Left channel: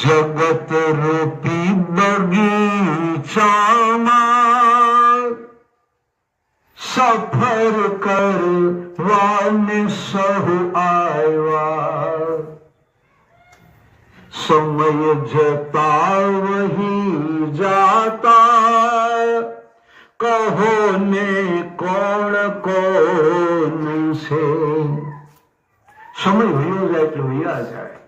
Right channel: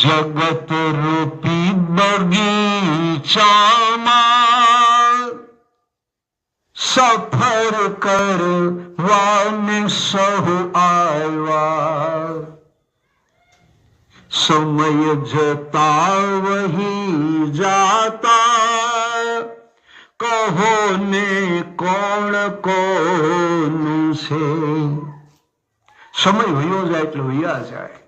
જગત રૂપી બગીચામાં સફર કરવાને સહુ આવ્યા, સમય જતા વહી જાતા, કહો ને કોણ કોનું છે. સમય વયો જાય એટલે વયા જાય,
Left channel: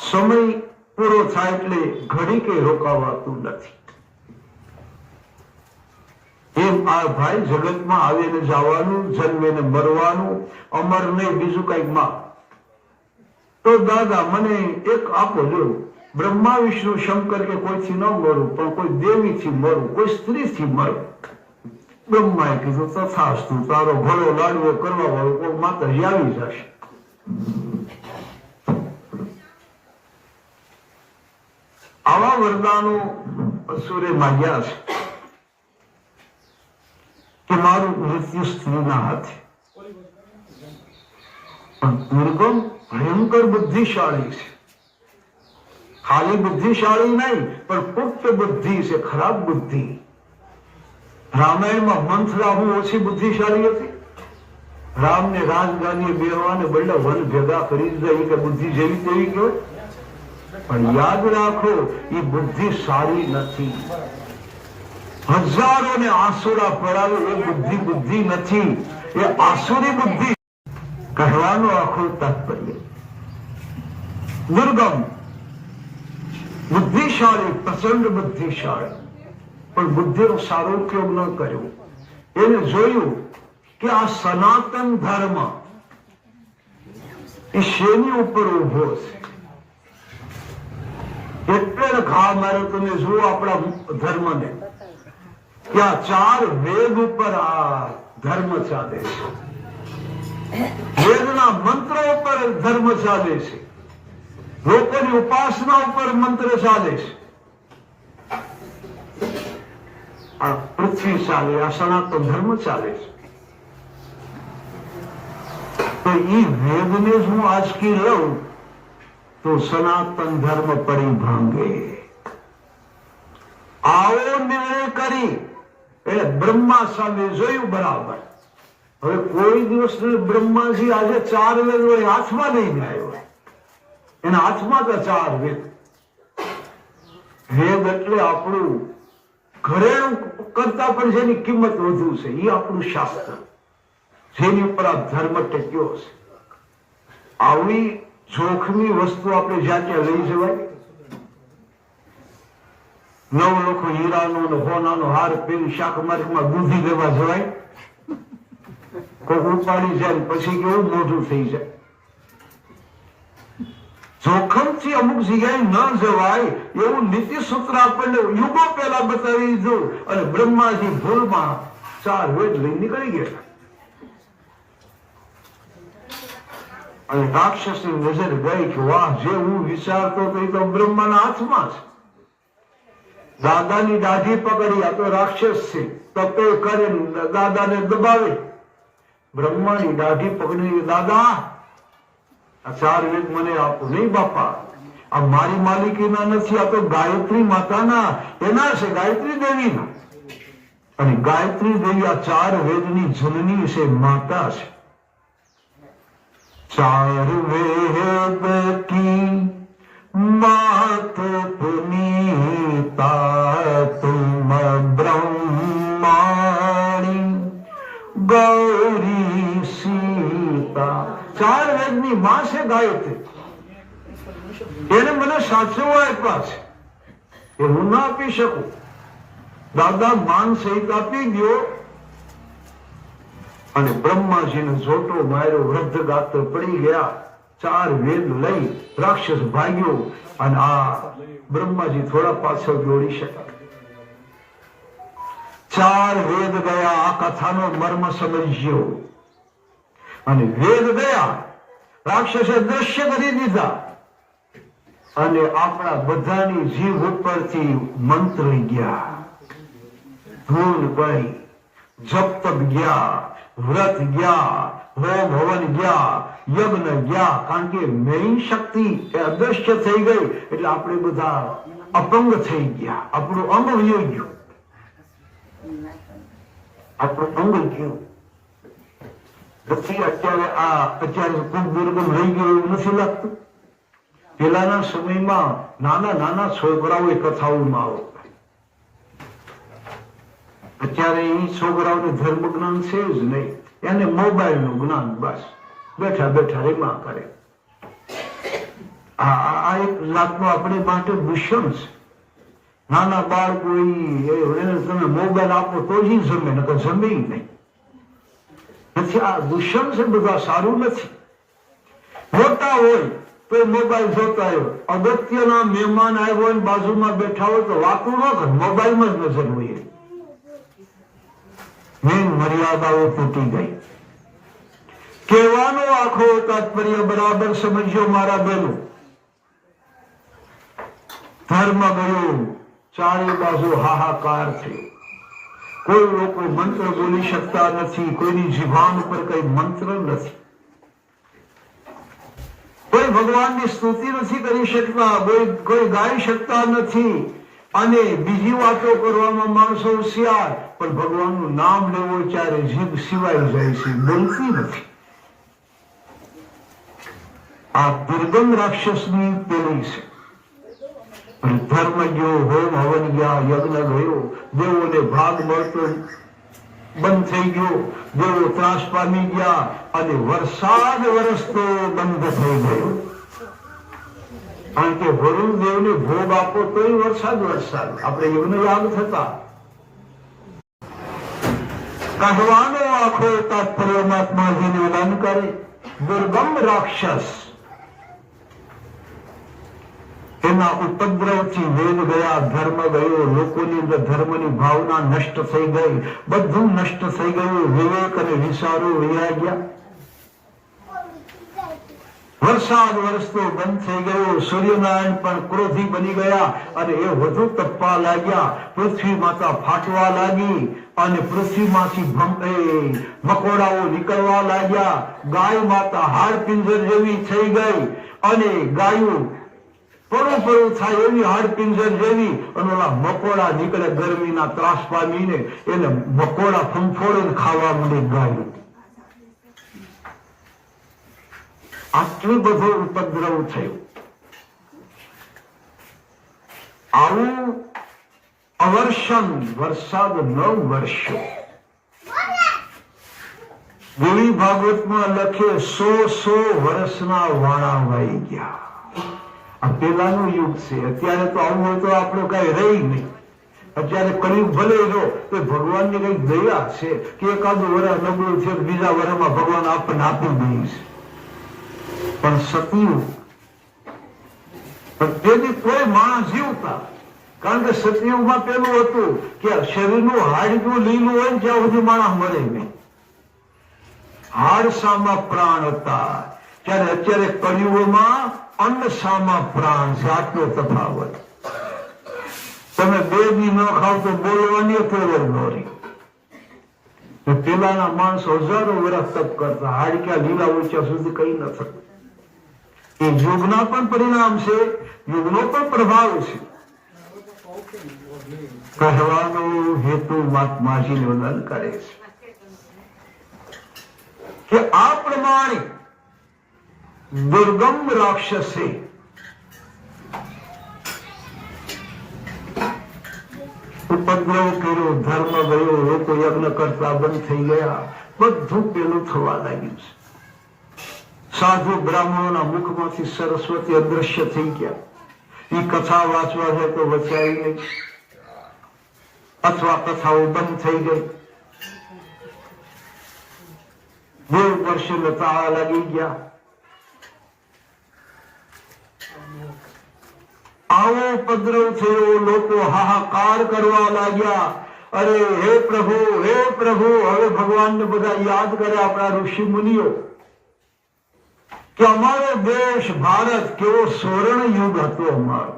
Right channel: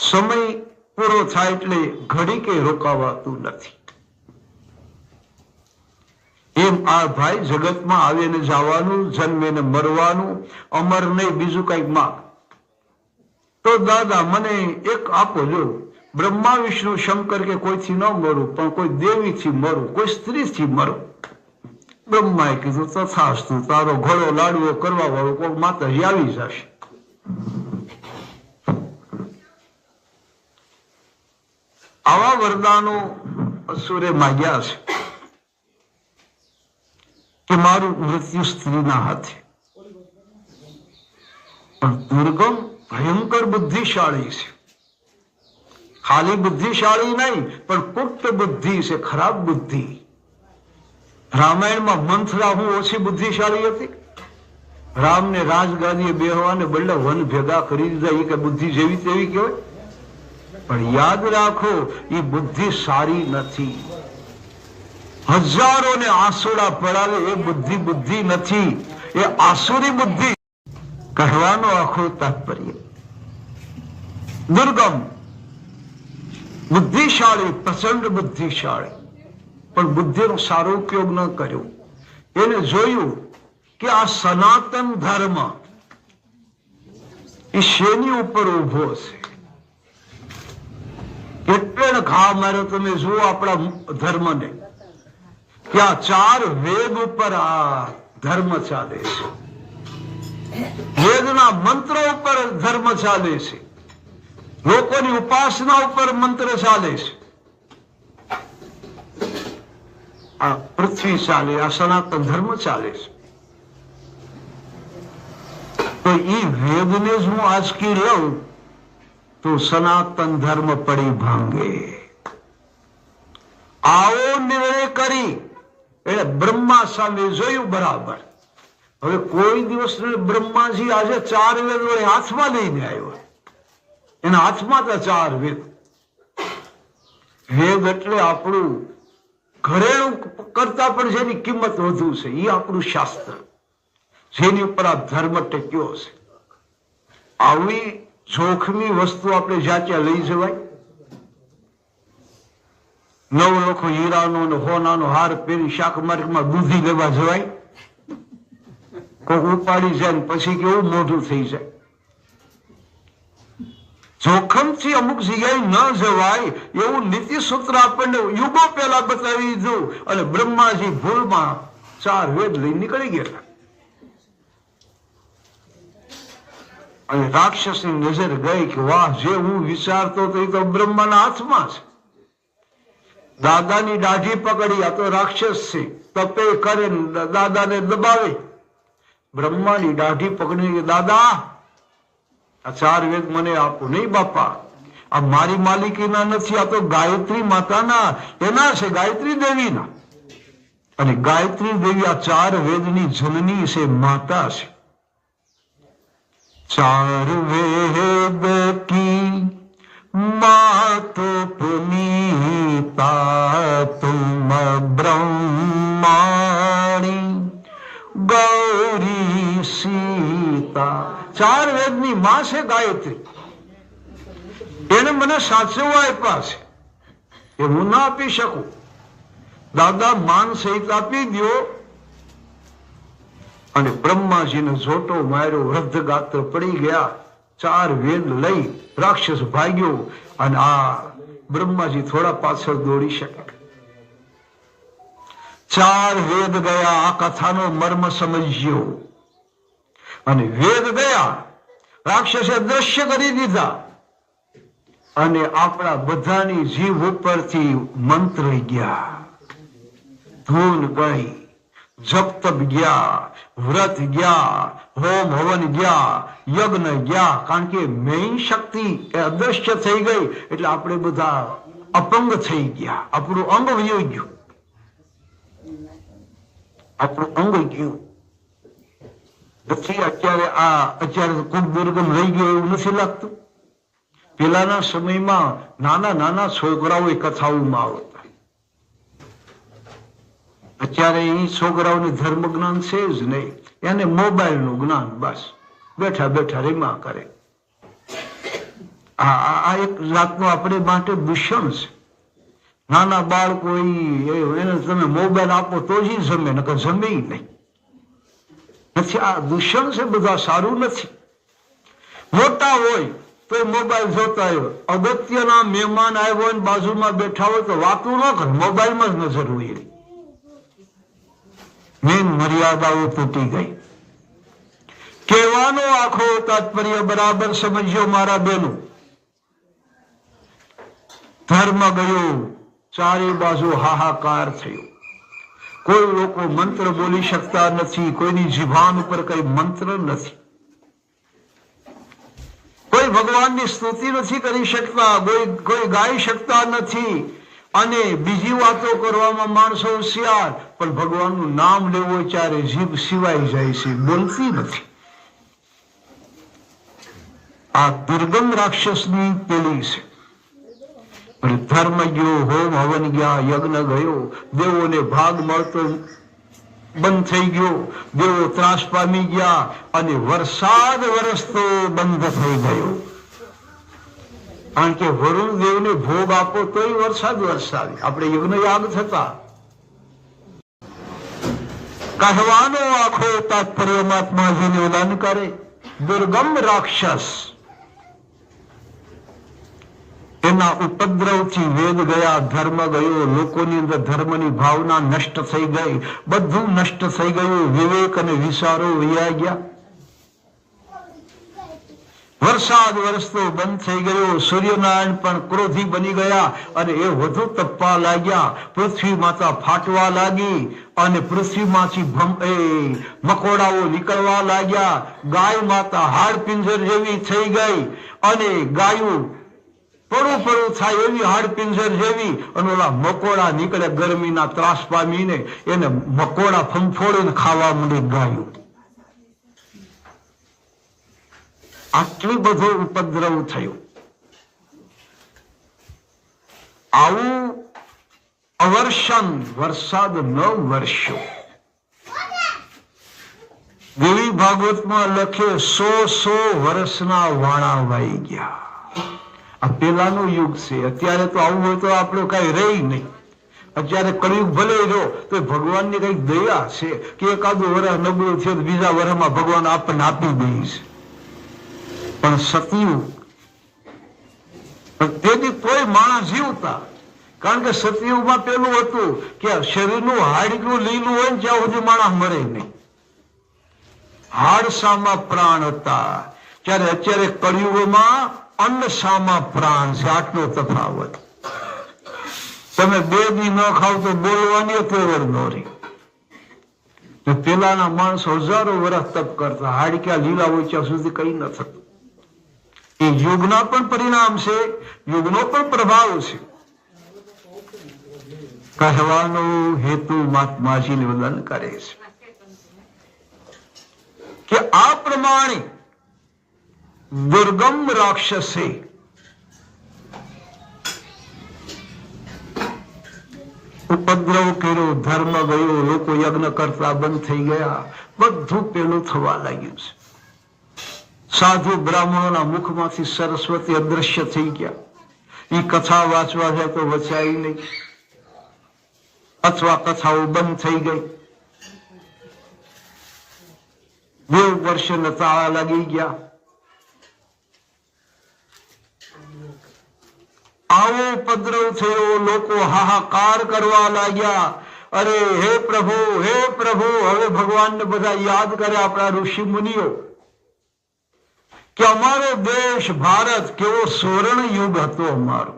સમય પૂરો થાય એટલે ઘડી કે રોકાવાતું નથી. એમ આ ભાઈ જગતમાં આવીને જવાનું, જન્મીને મરવાનું, અમર નહીં બીજું કઈક માં. તો દાદા મને એક આપો જો, બ્રહ્મા વિષ્ણુ શંકર કે કોઈથી ન મરું, પણ કોઈ દેવીથી મરું, કોઈ સ્ત્રીથી મરે. બ્રહ્માએ કીધું તથાસ્તુ, તારો ઘોડો લાડવો કરવા વાળો કોઈ માતાજી આવી જશે. આવા વરદાનો અસુરે માગ્યા છે કે મારું મૃત્યુ સ્ત્રીના હાથે. પણ દુર્ગમ ભયંકર બુદ્ધિશાળી છે. ખાલી બુદ્ધિશાળી નહીં, પણ પુખ્ત બુદ્ધિ છે, ખરાબ બુદ્ધિ. રામાયણમાં મંથરા હું ઓછી બુદ્ધિશાળી હતી. રામને રાજગાદીએ બેહવાને બદલે વન ભેગા કરી દીધા. એ કે બુદ્ધિ જેવી તેવી કહેવાય. પણ યાદ રાખો, એ બુદ્ધિ સારી નથી. હજારોને આંસુડા પડાવે એ બુદ્ધિ બુદ્ધિ નથી, એ આસુરી બુદ્ધિ. કહેવાનો આખું તાત્પર્ય દુર્ગમ બુદ્ધિશાળી, પ્રચંડ બુદ્ધિશાળી, પણ બુદ્ધિનો સારો ઉપયોગ ન કર્યો. એને જોયું કે આ સનાતન ધર્મ એ શેની ઉપર ઉભો છે. એટલે ઘા માર્યો. તમે જુઓ આપણા ધર્મને, ત્યાં 4 વેદ ઉપર આ ધર્મ ચાલે છે. વેદના મંત્રો ઉપર ધર્મ ચાલે છે. લોકોની ઉપાસના ઉપર મંત્ર ચાલે છે. આ પૃથ્વી ચાલે, આ સનાતન ધર્મ ચાલે છે. તો એ વેદને જ હું આજકી લઉં તો સનાતન ધર્મ પડી ભાંગે. આવો નિર્ણય કરી એટલે બ્રહ્મા સામે જોયું બરાબર. હવે કોઈ દિવસ બ્રહ્માજી આજે 4 વેદ હાથમાં લઈને આવ્યો. એના હાથમાં તો 4 વેદ. વેદ એટલે આપણું ઘરેણું કરતા પણ જેની કિંમત વધુ છે, એ આપણું શાસ્ત્ર, જેની ઉપર આ ધર્મ ટેક્યો છે. આવી જોખમી વસ્તુ આપણે જ્યાં ત્યાં લઈ જવાય? 9 લાખ હીરાનો હોનાનો હાર પહેરી શાક માર્કેટમાં દૂધી દેવા જવાય? કોઈ ઉપાડી જાય પછી કેવું મોઢું થઈ જાય. જોખમથી અમુક જગ્યાએ ન જવાય એવું નીતિ સૂત્ર આપણને યુગો પહેલા બતાવી દીધું. અને બ્રહ્માજી ભૂલમાં 4 વેદ લઈ નીકળી ગયા. અને રાક્ષસની નજર ગઈ કે વાહ, જે હું વિચારતો હતો એ તો બ્રહ્માના હાથમાં છે. દાદાની દાઢી પકડી, આ તો રાક્ષસ છે, તપે કરે દાદાને દબાવે. બ્રહ્માની દાઢી પકડી, દાદા આ 4 વેદ મને આપો. નહીં બાપા, આ મારી માલિકીના નથી, આ તો ગાયત્રી માતાના, એના છે, ગાયત્રી દેવીના. અને ગાયત્રી દેવી આ 4 વેદની જનની છે, માતા છે. 4 વેદ કી માત પુનીતા તુમ બ્રહ્માણી ગૌરી સીતા. 4 વેદની માં છે ગાયત્રી. એને મને સાચવવા આપ્યા છે, એ હું ના આપી શકું. દાદા માન સહિત આપી દો. અને બ્રહ્માજીને જોટો માર્યો, વૃદ્ધ ગાત્ર પડી ગયા. 4 વેદ લઈ રાક્ષસ ભાગ્યો. અને આ બ્રહ્માજી થોડા પાછળ દોડી શક્યા. 4 વેદ ગયા. આ કથાનો મર્મ સમજ્યો. અને વેદ ગયા, રાક્ષસે દ્રશ્ય કરી દીધા. અને આપણા બધાની જીભ ઉપરથી મંત્ર ગયા. ધૂન ગઈ, જપ તપ ગયા, વ્રત ગયા, હોમ હવન ગયા, યજ્ઞ ગયા, કારણ કે મેઇન શક્તિ એ અદ્રશ્ય થઈ ગઈ એટલે આપણે બધા અપંગ થઈ ગયા, આપણું અંગ વયું ગયું, આપણું અંગ ગયું. પછી અત્યારે ખૂબ દુર્ગમ રહી ગયો એવું નથી લાગતું. પેલાના સમયમાં નાના નાના છોકરાઓ કથાઓમાં આવતા, અત્યારે એ છોકરાઓને ધર્મ જ્ઞાન છે જ નહીં, એને મોબાઈલ નું જ્ઞાન, બસ બેઠા બેઠા રેમાં કરે. આ એક જાતનું આપણે માટે દૂષણ છે. નાના બાળકો એને તમે મોબાઈલ આપો તો જ જમે, નકર જમે નહીં. નથી, આ દૂષણ છે, બધા સારું નથી. મોટા હોય તો મોબાઈલ જોતા હોય, અગત્યના મહેમાન આવ્યો હોય બાજુમાં બેઠા હોય તો વાતું ન કર, મોબાઈલમાં જ નજર હોય. મેન મર્યાદાઓ તૂટી ગઈ. કહેવાનો આખો તાત્પર્ય બરાબર સમજ્યો મારા બેનો. ધર્મ ગયો, ચારે બાજુ હાહાકાર થયો. કોઈ લોકો મંત્ર બોલી શકતા નથી, કોઈની જીભાન ઉપર કઈ મંત્ર નથી, કોઈ ભગવાનની સ્તુતિ નથી કરી શકતા, કોઈ ગાઈ શકતા નથી. અને બીજી વાતો કરવામાં માણસો હોશિયાર, પણ ભગવાનનું નામ લેવો ત્યારે જીભ સિવાય જાય છે, બોલતી નથી. આ દુર્ગમ રાક્ષસની પેલી છે. ધર્મ ગયો, હોમ હવન ગયા, યજ્ઞ ગયો, દેવોને ભાગ મળતો બંધ થઈ ગયો, દેવો ત્રાસ પામી ગયા, અને વરસાદ વરસતો બંધ થઈ ગયો. કારણ કે વરુણ દેવને ભોગ આપો તોય વરસાદ વરસાદ. આપણે યજ્ઞ યાગ થતા. કહેવાનો આખો તાત્પર્ય મહાત્માજીને ઉદાન કરે. દુર્ગમ રાક્ષસ, એના ઉપદ્રવથી વેદ ગયા, ધર્મ ગયો, લોકોની અંદર ધર્મની ભાવના નષ્ટ થઈ ગઈ, બધું નષ્ટ થઈ ગયું, વિવેક અને વિચારો વયા ગયા. વરસાદ વરસતો બંધ થઈ ગયો, સૂર્યનારાયણ પણ ક્રોધી બની ગયા અને એ વધુ તપવા લાગ્યા. પૃથ્વી માતા ફાટવા લાગી અને પૃથ્વીમાંથી મકોડાઓ નીકળવા લાગ્યા. ગાય માતા હાડ પિંજર જેવી થઈ ગઈ અને ગાયું પડું થાય એવી હાડપિંજર જેવી, અને ઓલા મકોડા નીકળે ગરમીના ત્રાસ પામીને, એને મકોડા ફંફોડીને ખાવા માંડી ગાયું. આટલું બધું ઉપદ્રવ થયું. આવું અવર્ષણ, વરસાદ ન વર્ષો. દેવી ભાગવતમાં લખે 100 વર્ષના વાણા વાઈ ગયા. આ પેલાનો યુગ છે. અત્યારે તો આવું હોય તો આપણું કઈ રહી નહીં. અત્યારે કળિયુગ ભલે રહ્યો તો ભગવાનની કઈ દયા છે કે એકાદું વર્ષ નબળું છે, બીજા વર્ષમાં ભગવાન આપણને આપી દે છે. પણ સતયુગ તેથી કોઈ માણસ જીવતા, કારણ કે સતયુગમાં પેલું હતું કે શરીરનું હાડકું લીલું હોય જ્યાં સુધી માણસ મરે નહીં. હાડસામાં પ્રાણ હતા, ત્યારે અત્યારે કળિયુગમાં અન્નસામાં પ્રાણ છે. આટલો તફાવત. તમે 2 દી ન ખાવ તો બોલવાની તેવડ ન રહી. પેલાના માણસો હજારો વર્ષ તપ કરતા, હાડક્યા લીલા ઓછા સુધી કઈ ન થતું. એ યુગના પણ પરિણામ છે, યુગનો પણ પ્રભાવ છે. કહેવાનો હેતુ મહાત્માજી નિવેદન કરે છે કે આ પ્રમાણે દુર્ગમ રાક્ષસે ઉપદ્રવ કર્યો, ધર્મ ગયો, લોકો યજ્ઞ કરતા બંધ થઈ ગયા, બધું પેલું થવા લાગ્યું છે. સાધુ બ્રાહ્મણોના મુખમાંથી સરસ્વતી અદ્રશ્ય થઈ ગયા. એ કથા વાંચવા જાય તો વચાય નહીં, અથવા કથાઓ બંધ થઈ ગઈ. દેવ વર્ષે નતા લાગી ગયા. આવો ઉપદ્રવ થયો, લોકો હાહાકાર કરવા લાગ્યા. અરે હે પ્રભુ, હે પ્રભુ. હવે ભગવાનને બધા યાદ કરે, આપણા ઋષિ મુનિઓ, કે અમારો દેશ ભારત કેવો સુવર્ણ યુગ હતો અમારો.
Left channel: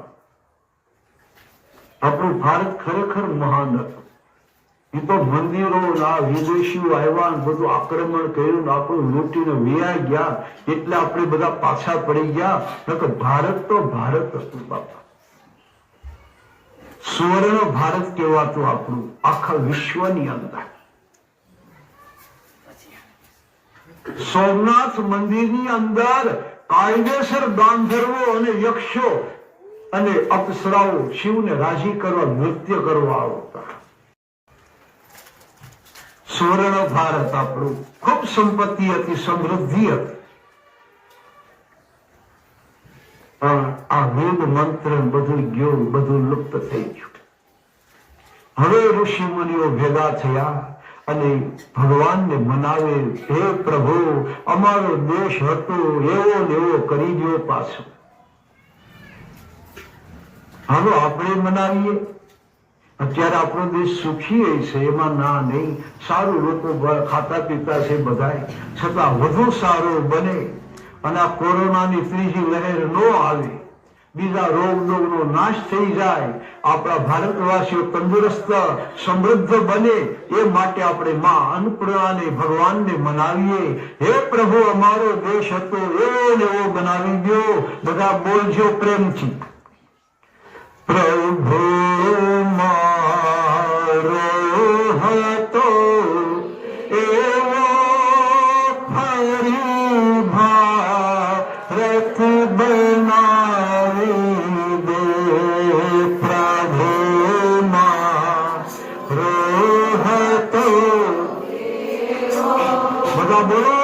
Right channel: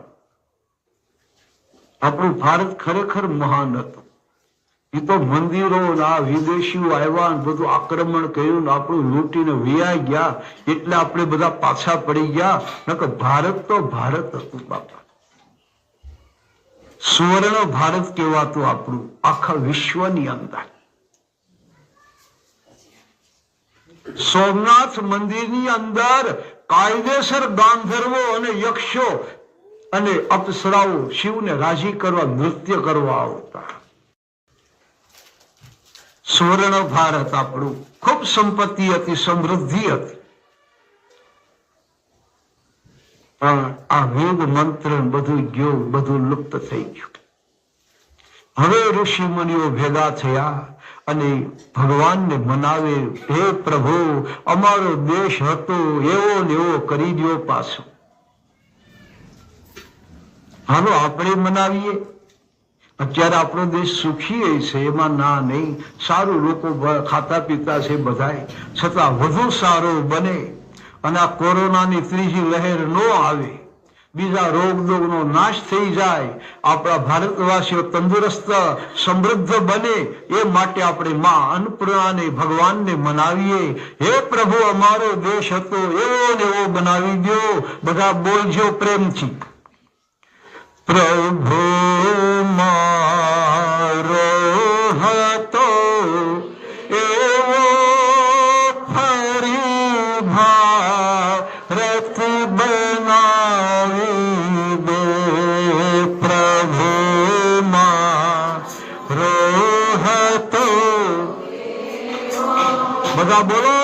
આપણું ભારત ખરેખર મહાન હતું. એ તો મંદિરો ના વિદેશીઓ આવ્યા ને બધું આક્રમણ કર્યું, આપણું લૂંટીને વિયાઈ ગયા, એટલે આપણે બધા પાછા પડી ગયા. નકર ભારત તો ભારત હતું બાપા. સુવર્ણ ભારત કહેવાતું આપણું આખા વિશ્વની અંદર. સોમનાથ મંદિરની અંદર કાયદેસર ગાંધર્વો અને યક્ષો અને અપ્સરાઓ શિવને રાજી કરવા નૃત્ય કરવા આવતા. સુવર્ણ ભારત આપણું ખૂબ સંપત્તિ હતી, સમૃદ્ધિ હતી. પણ આ વેદ મંત્ર બધું ગયું, બધું લુપ્ત થઈ ગયું. હવે ઋષિ મુનિઓ ભેગા થયા અને ભગવાનને મનાવે, હે પ્રભુ અમારો દેશ હતો એવો ને એવો કરી દો પાછો. હાલો આપણે મનાવીએ. અત્યારે આપણો દેશ સુખી છે, એમાં ના નહીં. સારું લોકો ખાતા પીતા છે બધાય, છતાં વધુ સારું બને અને આ કોરોનાની ત્રીજી લહેર ન આવે, બીજા રોગનો નાશ થઈ જાય, આપણા ભારતવાસીઓ તંદુરસ્ત સમૃદ્ધ બને, એ માટે આપણે માં અન્નપૂર્ણાને ભગવાનને મનાવીએ. હે પ્રભુ અમારો દેશ હતો એવો ને એવો બનાવી દો. બધા બોલજો પ્રેમથી, પ્રભુ મારો હતો એવો ફરી ભારત બનાવી દે. પ્રભુ મારો હતો, બધા બોલો,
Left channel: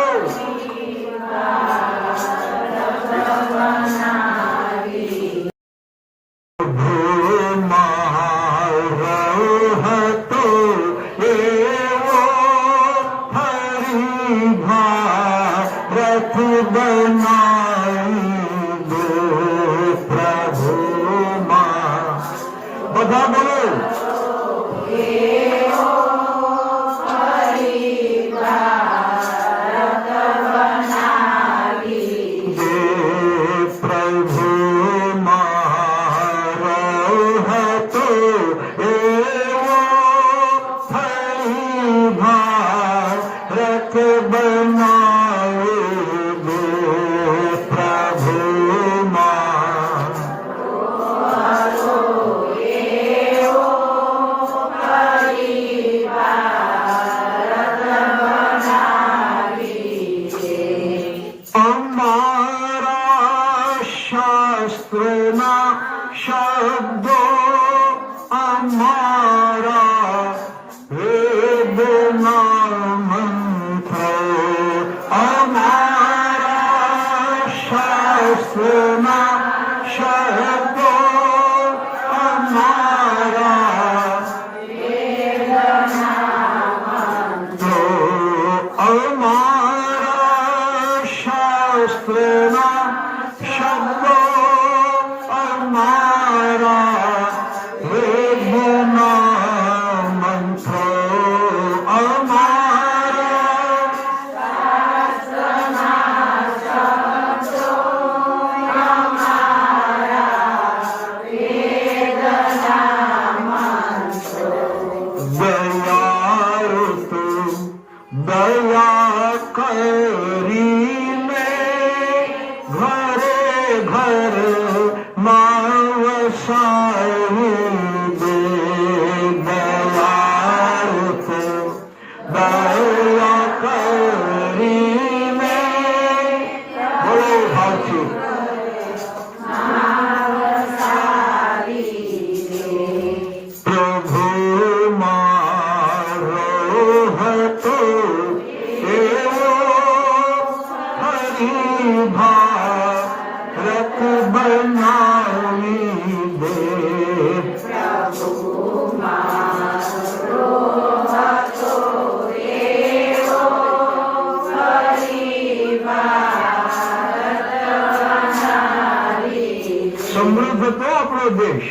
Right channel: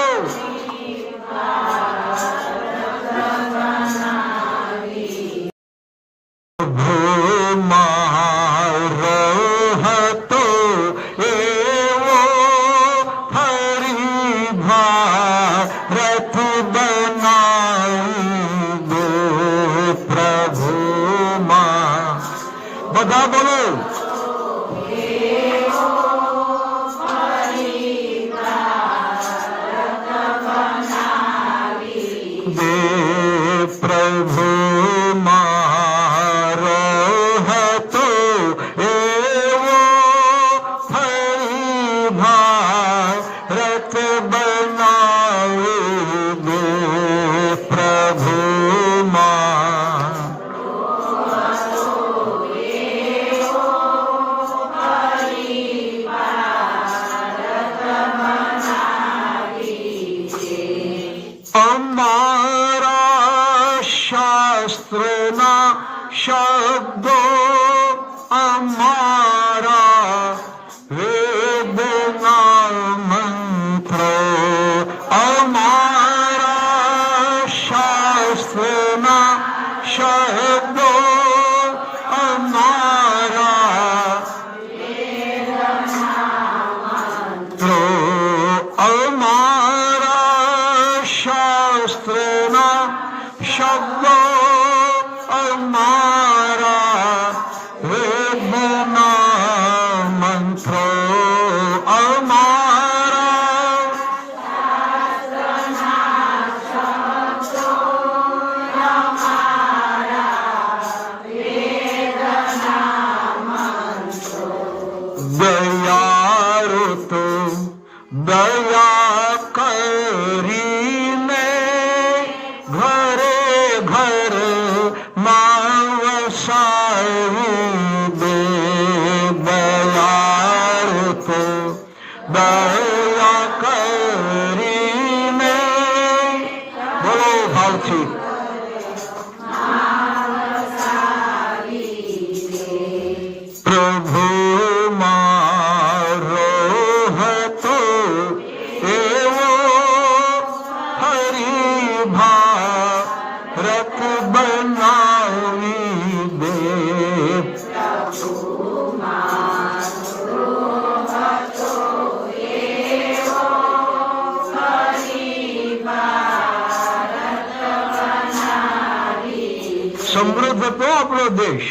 બધા બોલો. પ્રભુ મારો હતો એવો ફરી ભારત બનાવી દે. પ્રભુ શાસ્ત્રના શબ્દો, અમારા વેદના મંત્રો, અમારા શાસ્ત્રના શબ્દો, અમારા મંત્રો, અમારા શાસ્ત્રના શબ્દો, અમારા વેદના મંત્રો, અમારા શાસ્ત્રના શબ્દો, અમારા વેદના મંત્રો. દયાળુ તું દયા કરીને ઘરે ઘરે વસાવી દે. દયાળુ તું દયા કરીને, બોલો ભાવથી, પ્રભુ મારો હતો એવો ફરી ભારત બનાવી દે. સમૃદ્ધ તો આપણો દેશ.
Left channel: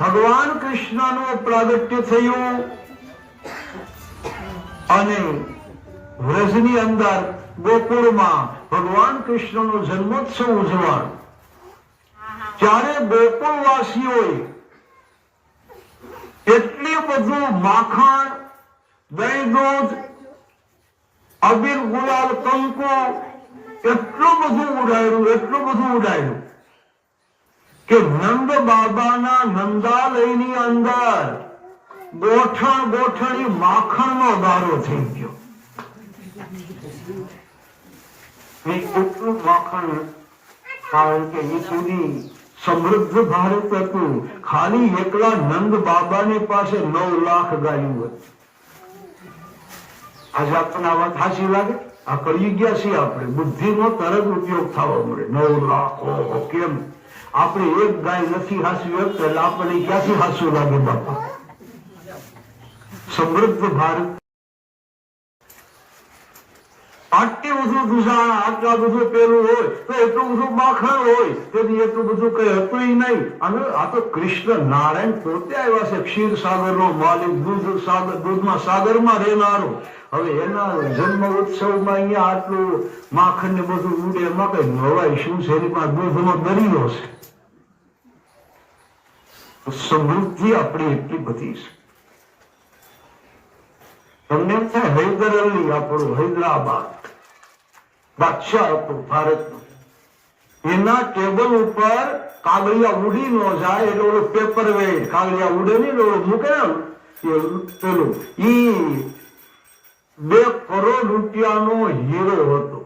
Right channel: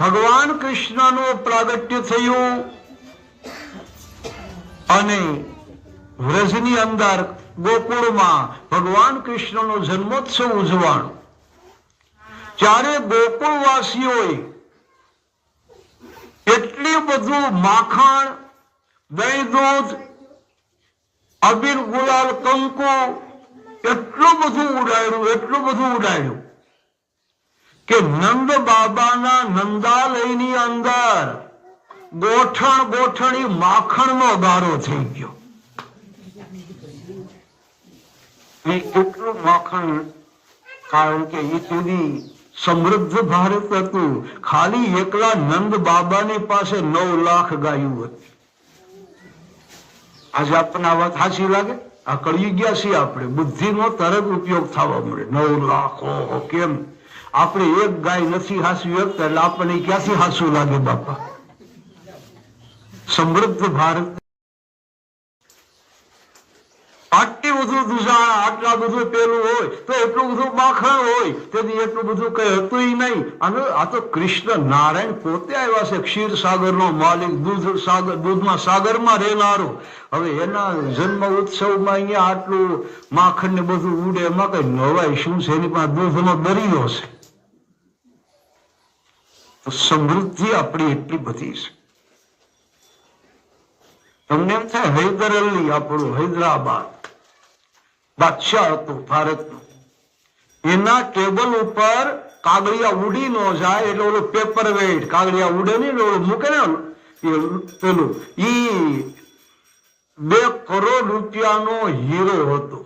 ભગવાન કૃષ્ણનું પ્રાગટ્ય થયું અને વ્રજની અંદર ગોકુળમાં ભગવાન કૃષ્ણનો જન્મોત્સવ ઉજવવાનો. ત્યારે ગોકુળવાસીઓએ એટલું બધું માખણ દહીં દૂધ, અબીર ગુલાલ કંકુ એટલું બધું ઉડાડ્યું કે નંદ બાબાના નંદાલયની અંદર ગોઠણી માખણનો ગારો થઈ ગયો. એટલું માખણ, કારણ કે એ સુધી સમૃદ્ધ ભારત હતું. ખાલી એકલા નંદ બાબાની પાસે 9 લાખ ગાયું હતી. આજે આપણને આ વાત સાચી લાગે? આ કળી ગયા છીએ આપણે, બુદ્ધિનો તરત ઉપયોગ થવા મળે. 9 લાખ, ઓહો, કેમ? આપણે એક ગાય નથી હાસવી એટલે આપણને ક્યાંથી હાસું લાગે બાપા? સમૃદ્ધ ભારત, આટલી બધું દુષણ, આટલા બધું પેલું હોય તો એટલું બધું માખણ હોય તો એટલું બધું કઈ હતું નહીં. અને આ તો કૃષ્ણ નારાયણ પોતે આવ્યા છે, ક્ષીર સાગર નો માલિક, દૂધના સાગરમાં રહેનારો. હવે એના જન્મ ઉત્સવમાં અહીંયા આટલું માખણ ને બધું ઉડે, એમાં કઈ નવાય શું છે? એની પાસે દૂધનો દરિયો છે. સમૃદ્ધિ આપણી એટલી બધી છે. તમને એમ થાય હૈદર અલી આપણું હૈદરાબાદ બાદશાહ હતો ભારતનો, એના ટેબલ ઉપર કાગળિયા ઉડી ન જાય એટલે ઓલું પેપર વેઇટ, કાગળિયા ઉડે નહીં ઓલું મૂકે ને પેલું, ઈ 2 કરોડ રૂપિયાનો હીરો હતો.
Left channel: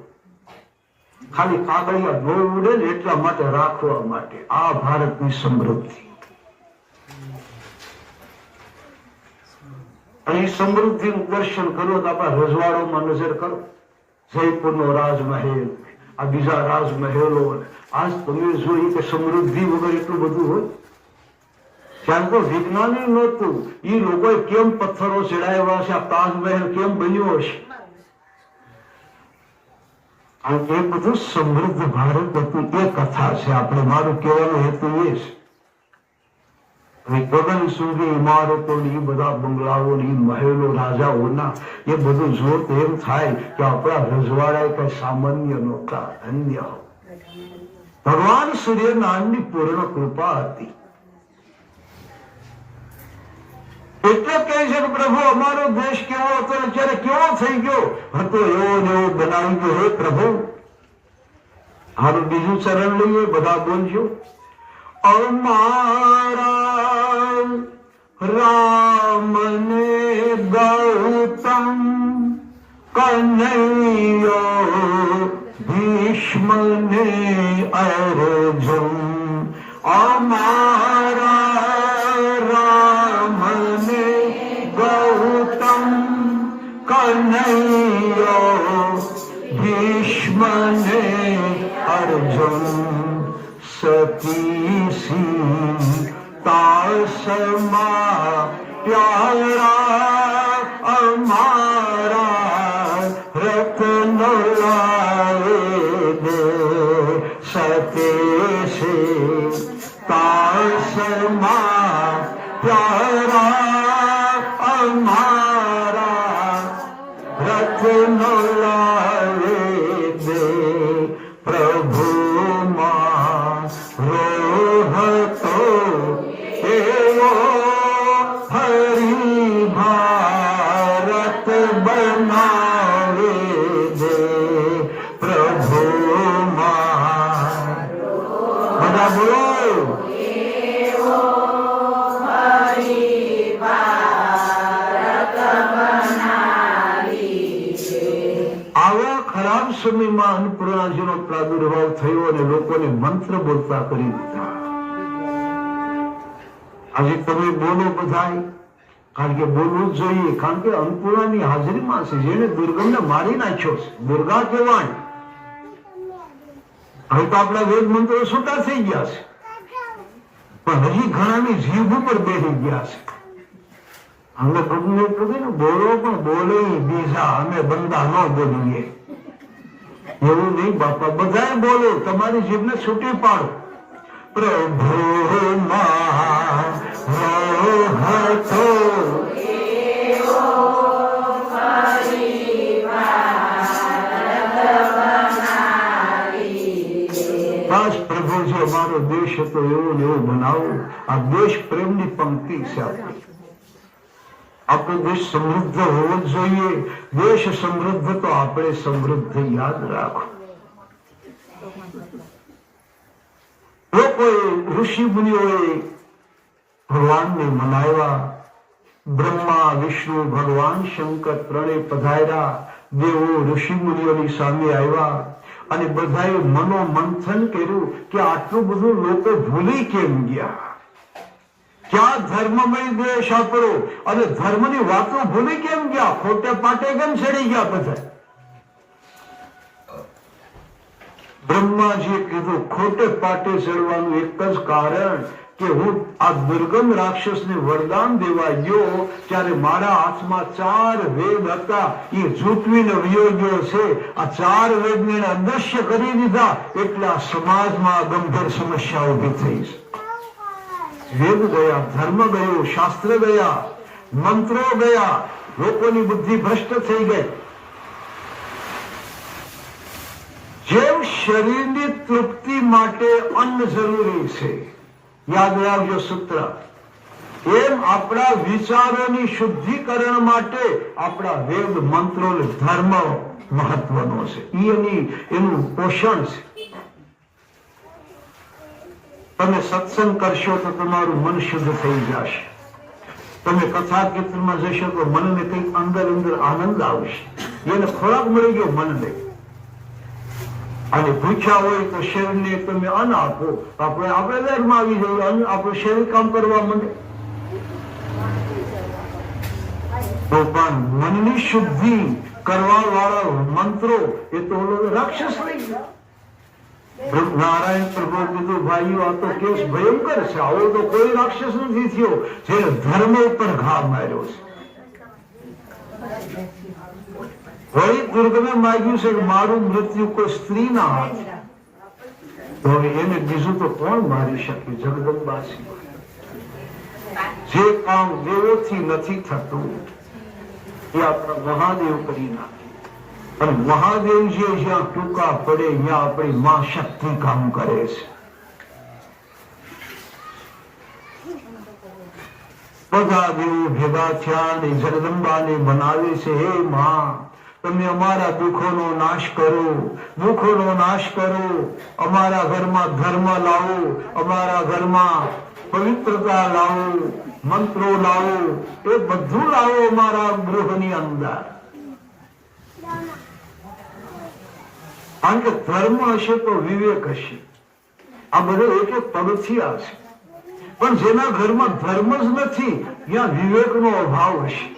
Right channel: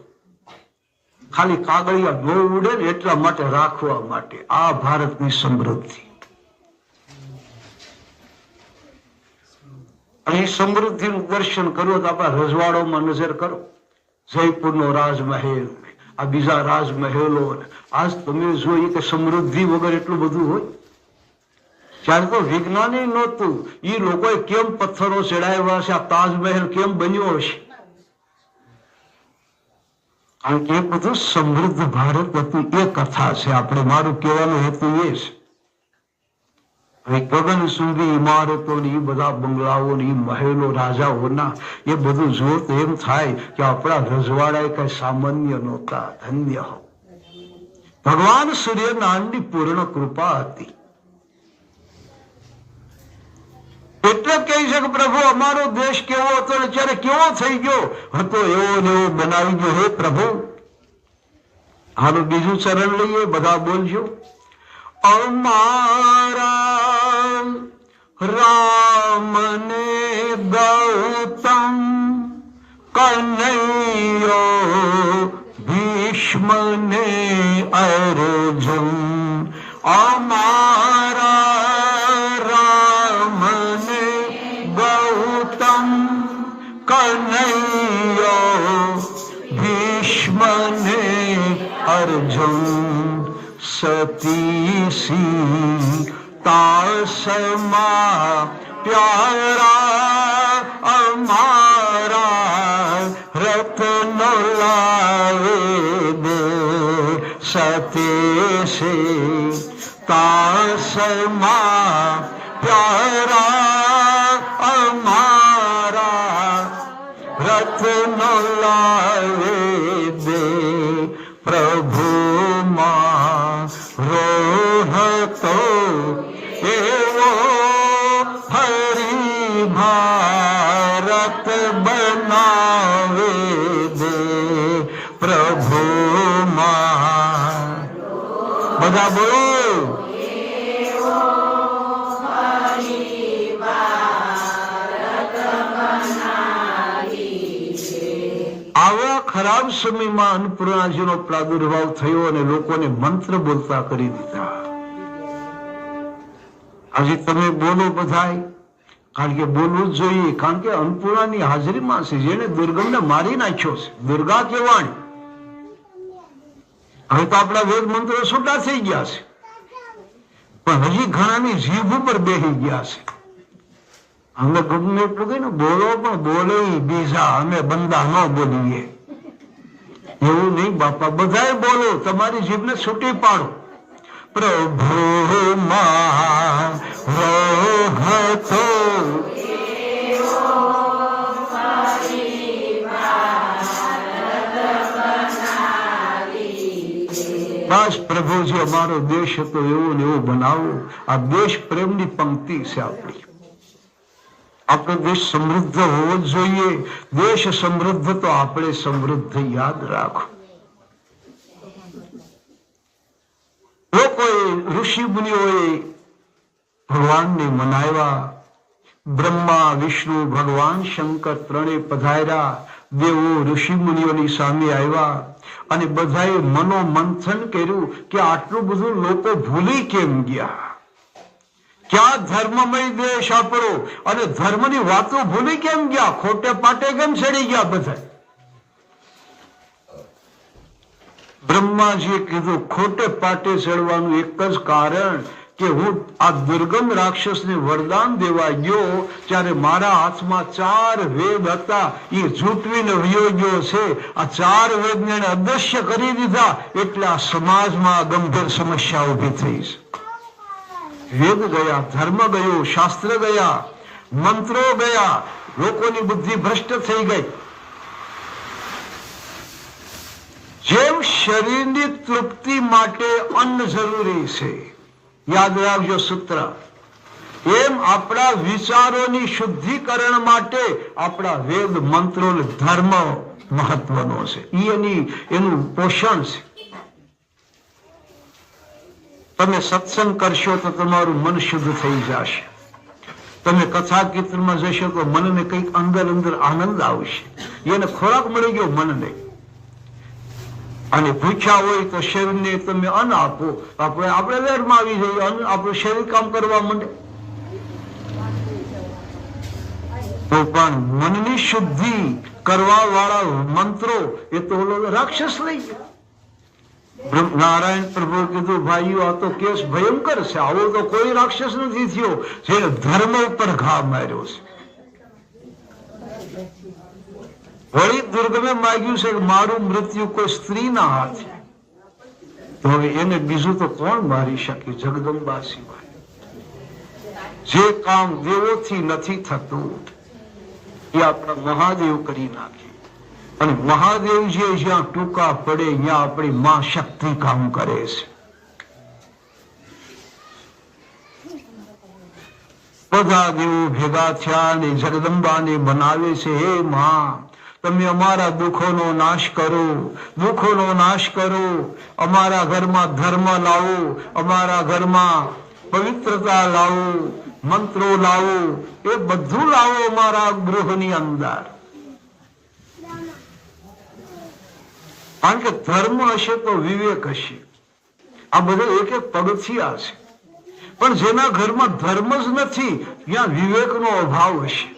ખાલી કાગળિયા ન ઉડે ને એટલા માટે રાખવા માટે. આ ભારતની સમૃદ્ધિ. અહીં સમૃદ્ધિનું દર્શન કરવું તો આપણા રજવાડોમાં નજર કરો. જયપુરનો રાજમહેલ, આ બીજા રાજમહેલો, આજ તમે જોઈએ કે સમૃદ્ધિ વગર એટલું બધું હોય. ત્યારે તો વિજ્ઞાન નહોતું. એ લોકોએ કેમ પથ્થરો ચડાવ્યા છે, આ તાજમહેલ કેમ બન્યો હશે? કારણ કે એ બધું સમૃદ્ધ ભારત હતું. એ કથા છે આપણે, મારું કહેવાનો હેતુ એ છે. ગગન સુધી ઇમારતોની, બધા બંગલાઓની, મહેલો, રાજાઓના, એ બધું જોર તો એમ થાય કે આપણા રજવાડા કઈ સામાન્ય નહોતા. ધન્ય હો, ભગવાન સૂર્યનારાયણની પૂર્ણ કૃપા હતી. એટલે કહે છે કે પ્રભુ અમારો દેશ કેવો હતો ને ત્યારે કેવો થઈ ગયો હતો, એવો ને એવો બનાવી ગયો. હે પ્રભુ, હવે બીજું ચરણ લઈએ, બધા બોલજો. અમારા રામને ગૌતમ કનૈયો ભીષ્મને અર્જુન. અમારા રામને ગૌતમ કનૈયો ભીષ્મને અર્જુન. સતી તાસમા પ્યારા અમારા રત્ન લાવે દે. સતી તાસમા પ્યારા અમારા રત્ન લાવે દે. પ્રભુ સમયમાં અન્નપૂર્ણાજીનો પ્રાદુર્ભાવ થયો અને લોકોને મંત્ર બોલતા કરી દીધા. આજે તમે બોલો બધાય, કારણ કે બોલવું જ જોઈએ. કારણ કે અન્નપૂર્ણાની હાજરીમાં છે જેને દુર્ગમને મારી નાખ્યો છે. દુર્ગા કહેવાય. હવે તો આપણા વેદ મંત્રો છૂટા થઈ ગયા છે, પણ હજી ઘણાની જીભ ઉપર બેસી ગયા છે. અમે ગમે એટલું કે ને બોલો, પણ બોલે બીજા, અમે બંદા ન બોલીએ. એવું નહીં બાપા, બધા બોલો, તમારી જીભને છૂટી પાડો. પ્રભુ માં રહતો બસ પ્રભુજી અમારો દેશ હતો એવો ને એવો બનાવો. આ દેશ પ્રેમની પંક્તિ છે આપણી. આપણો દેશ સમૃદ્ધ હોવો જ જોઈએ. દેશ સમૃદ્ધ તો આપણે સમૃદ્ધ. યાદ રાખો, લોકોએ ઋષિ મુનિઓએ ભગવાનને મનાવ્યા. બ્રહ્મા, વિષ્ણુ, ભગવાન શંકર ત્રણેય પધાર્યા. દેવો ઋષિ મુનિઓની સામે આવ્યા અને બધાએ મનોમંથન કર્યું કે આટલું બધું લોકો ભૂલી કેમ ગયા? ક્યાં ધર્મમય દેશ આપણો, અને ધર્મની વાતો ભૂલી કેમ ગયા? ખોટે પાટે કેમ ચડી ગયા બધા? બ્રહ્માજીએ કીધું ખોટે પાટે ચડવાનું એક જ કારણ કે હું આ દુર્ગમ રાક્ષસને વરદાન દેવા ગયો ત્યારે મારા હાથમાં 4 વેદ હતા, એ ઝૂંટવીને વયો ગયો છે. આ 4 વેદને અદૃશ્ય કરી દીધા એટલે આ સમાજમાં ગંભીર સમસ્યા ઉભી થઈ છે. વેદ ગયા, ધર્મ ગયો, શાસ્ત્ર ગયા, મંત્રો ગયા, લોકોની બુદ્ધિ ભ્રષ્ટ થઈ ગઈ. જેમ શરીરની તૃપ્તિ માટે અન્ન જરૂરી છે, યાદ રાખજો સૂત્ર, એમ આપણા વિચારોની શુદ્ધિકરણ માટે આપણા વેદ, મંત્રો, ધર્મ મહત્વનો છે. એનું પોષણ છે. તમે સત્સંગ કરશો તો તમારું મન શુદ્ધ થઈ જશે. તમે કથા કીર્તનમાં જશો તો મનને કંઈક અંદર અંદર આનંદ આવશે. એને ખોરાક મળી ગયો મનને. અને ભૂખ્યા હોય તો શરીરને તમે અન્ન આપો, આપણે વેરમાં આવી જઈએ, આપણું શરીર કામ કરવા માંડે. તો પણ મનની શુદ્ધિ કરવા વાળા મંત્રો એ તો રાક્ષસ નહીં. નારાયણ પ્રભુ કીધું ભાઈઓ આ તો કેસ ભયંકર છે. આવો તો કોઈ રાક્ષસ નથી થયો જેને ધર્મ ઉપર ઘા માર્યો છે. વળી દુર્ગમે માગ્યું છે કે મારું મૃત્યુ કોઈ સ્ત્રીના હાથ, તો એને બીજું તો કોણ મારી શકે? જગદંબા સિવાય. જે કામ દેવોથી નથી થતું એ આપણા મહાદેવ કરી નાખે. અને મહાદેવજી જ્યાં ટૂંકા પડે ત્યાં આપણી માં શક્તિ કામ કરે છે. બધા દેવો ભેગા થયા અને જગદંબાને બનાવે છે, હે માં તમે અમારા દુઃખોનો નાશ કરો, દુઃખોનો નાશ કરો, અમારા ઘરમાં ધર્મ લાવો, અમારા ઘરમાં પવિત્રતા લાવો, મંત્રો લાવો, એ બધું લાવો અમારા ગૃહની અંદર. કારણ કે ધર્મ હશે તો વિવેક હશે. આ બધા એક એક પગથિયા છે. પણ જેના ઘરમાં ધર્મ જ નથી ત્યાં વિવેકનો અભાવ હશે.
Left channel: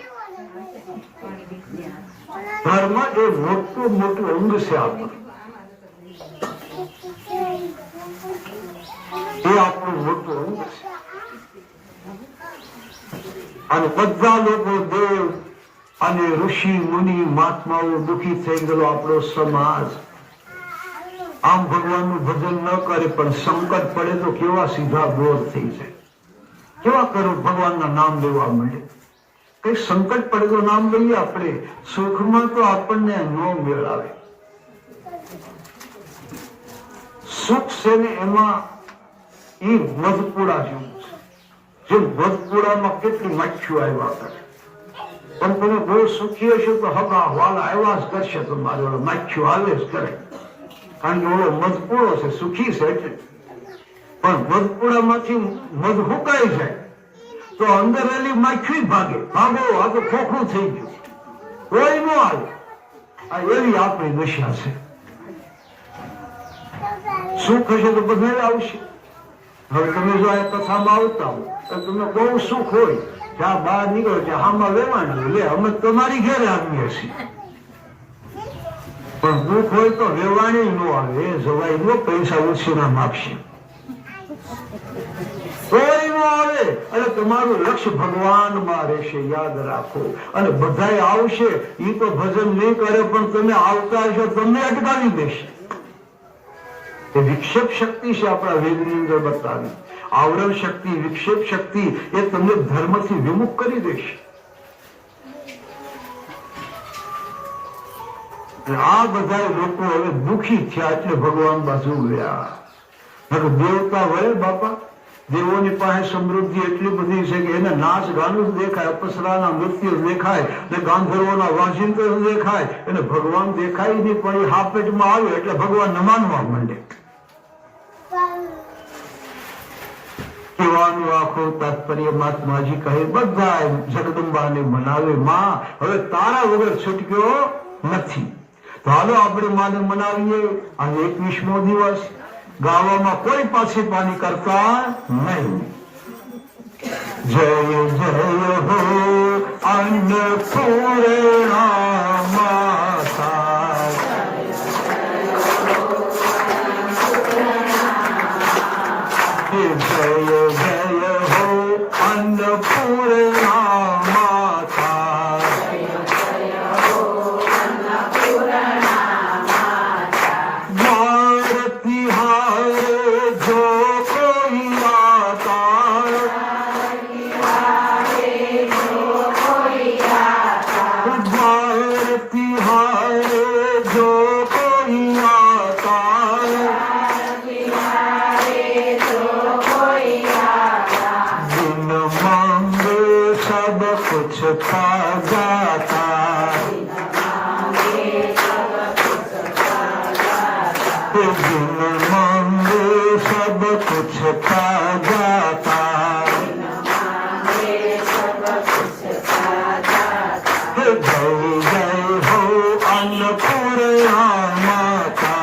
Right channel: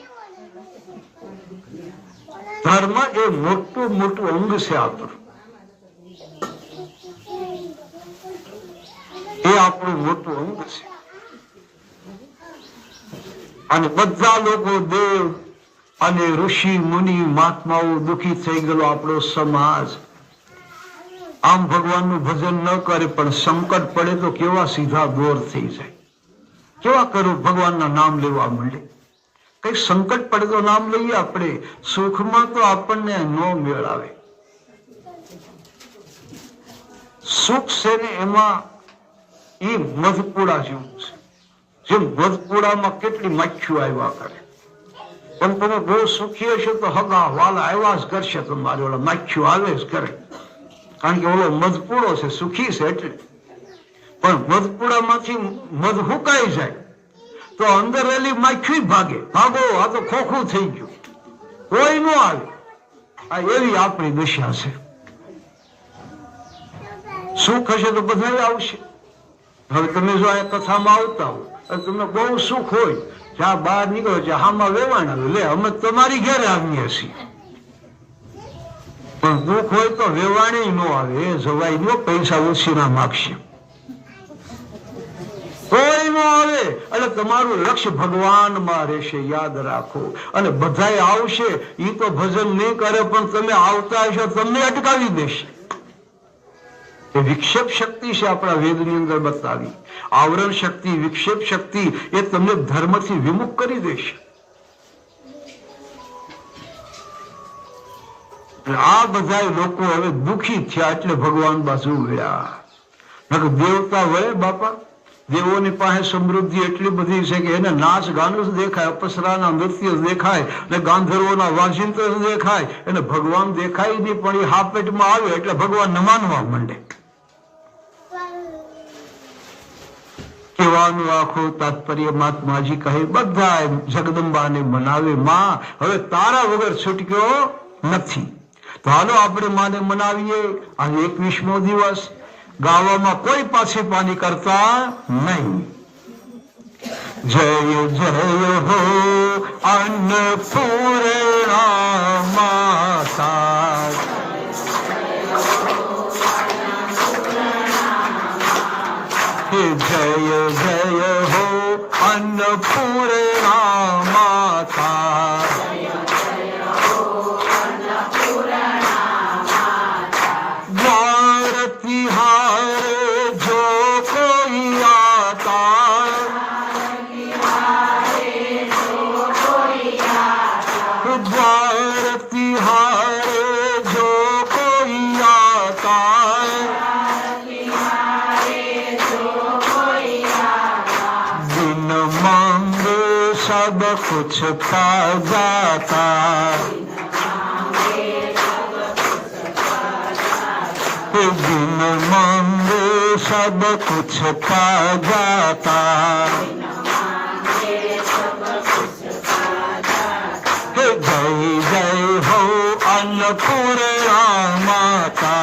ધર્મ એ મોટું મોટું અંગ છે આપણું. એ આપણું મોટું અંગ છે. અને બધા લોકો દેવ અને ઋષિ મુનિ મહાત્માઓ દુઃખી થઈ ગયેલો આપણો સમાજ. આમ ભગવાનનું ભજન ન કરે પણ સંકટ પડે તો કેવા સીધા દોર થઈ જાય. કેવા કરો ભગવાનના નામ લેવા માંડે. કઈ સંકટ પડે તો નામ લઈએ આપણે. સુખમાં તો આપણને ન મેળાવે. સુખ છે ને એમાં એ મધપુડા જેવું છે. જે મધપુડામાં કેટલી મચ્છું આવ્યા કરે. પણ તમે બહુ સુખી હશો તો હગા વાલા આવ્યા જ કરશે. તમારે ઓલા મચ્છું આવે જ કરે. કારણ કે ઓલો મધપુડો છે, સુખી છે એટલે. પણ મધપુડામાંથી મધ હુકાઈ જાય તો અંદર રહેલી માખી ભાગે. ભાગો, આ તો ખોખું થઈ ગયું, કોઈ ન આવે. આ એવી આપણી દશા છે. સુખ હશે તો બધા આવશે. હવે તમે જો આ કથામાં આવતા હો અને તમને બહુ સુખ હોય, જ્યાં બહાર નીકળો છે હામાં વેવાણ લે અમે તમારી ઘેરે આવીએ છીએ. પણ દુઃખ હોય તો વેવાણી ન આવે, એ જવાય ન, પૈસા ઓછીના માગશે, કોઈ ન આવે. એટલે તમારું લક્ષ્ય ભગવાનમાં રહેશે, યાદ રાખો. અને બધાય આવશે, એ તો ભજન નહીં કરે પણ તમે આવતા હશો તમને અટકાવી દેશે. તો વિક્ષેપ શક્તિ છે આપણા વેદની અંદર બતાવી. આવરણ શક્તિ, વિક્ષેપ શક્તિ એ તમને ધર્મથી વિમુખ કરી દેશે. આ બધા લોકો હવે દુઃખી થયા એટલે ભગવાન બાજુ ગયા. દેવતા વળે બાપા, દેવોની પાસે સમૃદ્ધિ એટલી બધી છે કે એને નાચ ગાનું જ દેખાય, અપ્સરાના નૃત્ય દેખાય, ને ગાંધર્વોના વાંચિંત્ર દેખાય, એને ભગવાન દેખાય નહીં. પણ એ હાપેટમાં આવે એટલે ભગવાન ન માનવા માંડે. કહેવાનું આખો તાત્પર્ય મહાત્માજી કહે બધા જગદંબાને મનાવે. માં હવે તારા વગર છૂટક્યો નથી. તો હાલો આપણે માને મનાવીએ. આજે 21મો દિવસ. ગાવામાં કોઈ પાછી પાની કરતા નહીં. જય જય હો અન્નપૂર્ણા માતા, જય જય હો અન્નપૂર્ણા માતા, कुछ पा जाता, बिन मांगे सब कुछ पा जाता, जय जय हो अन्नपूर्णा माता,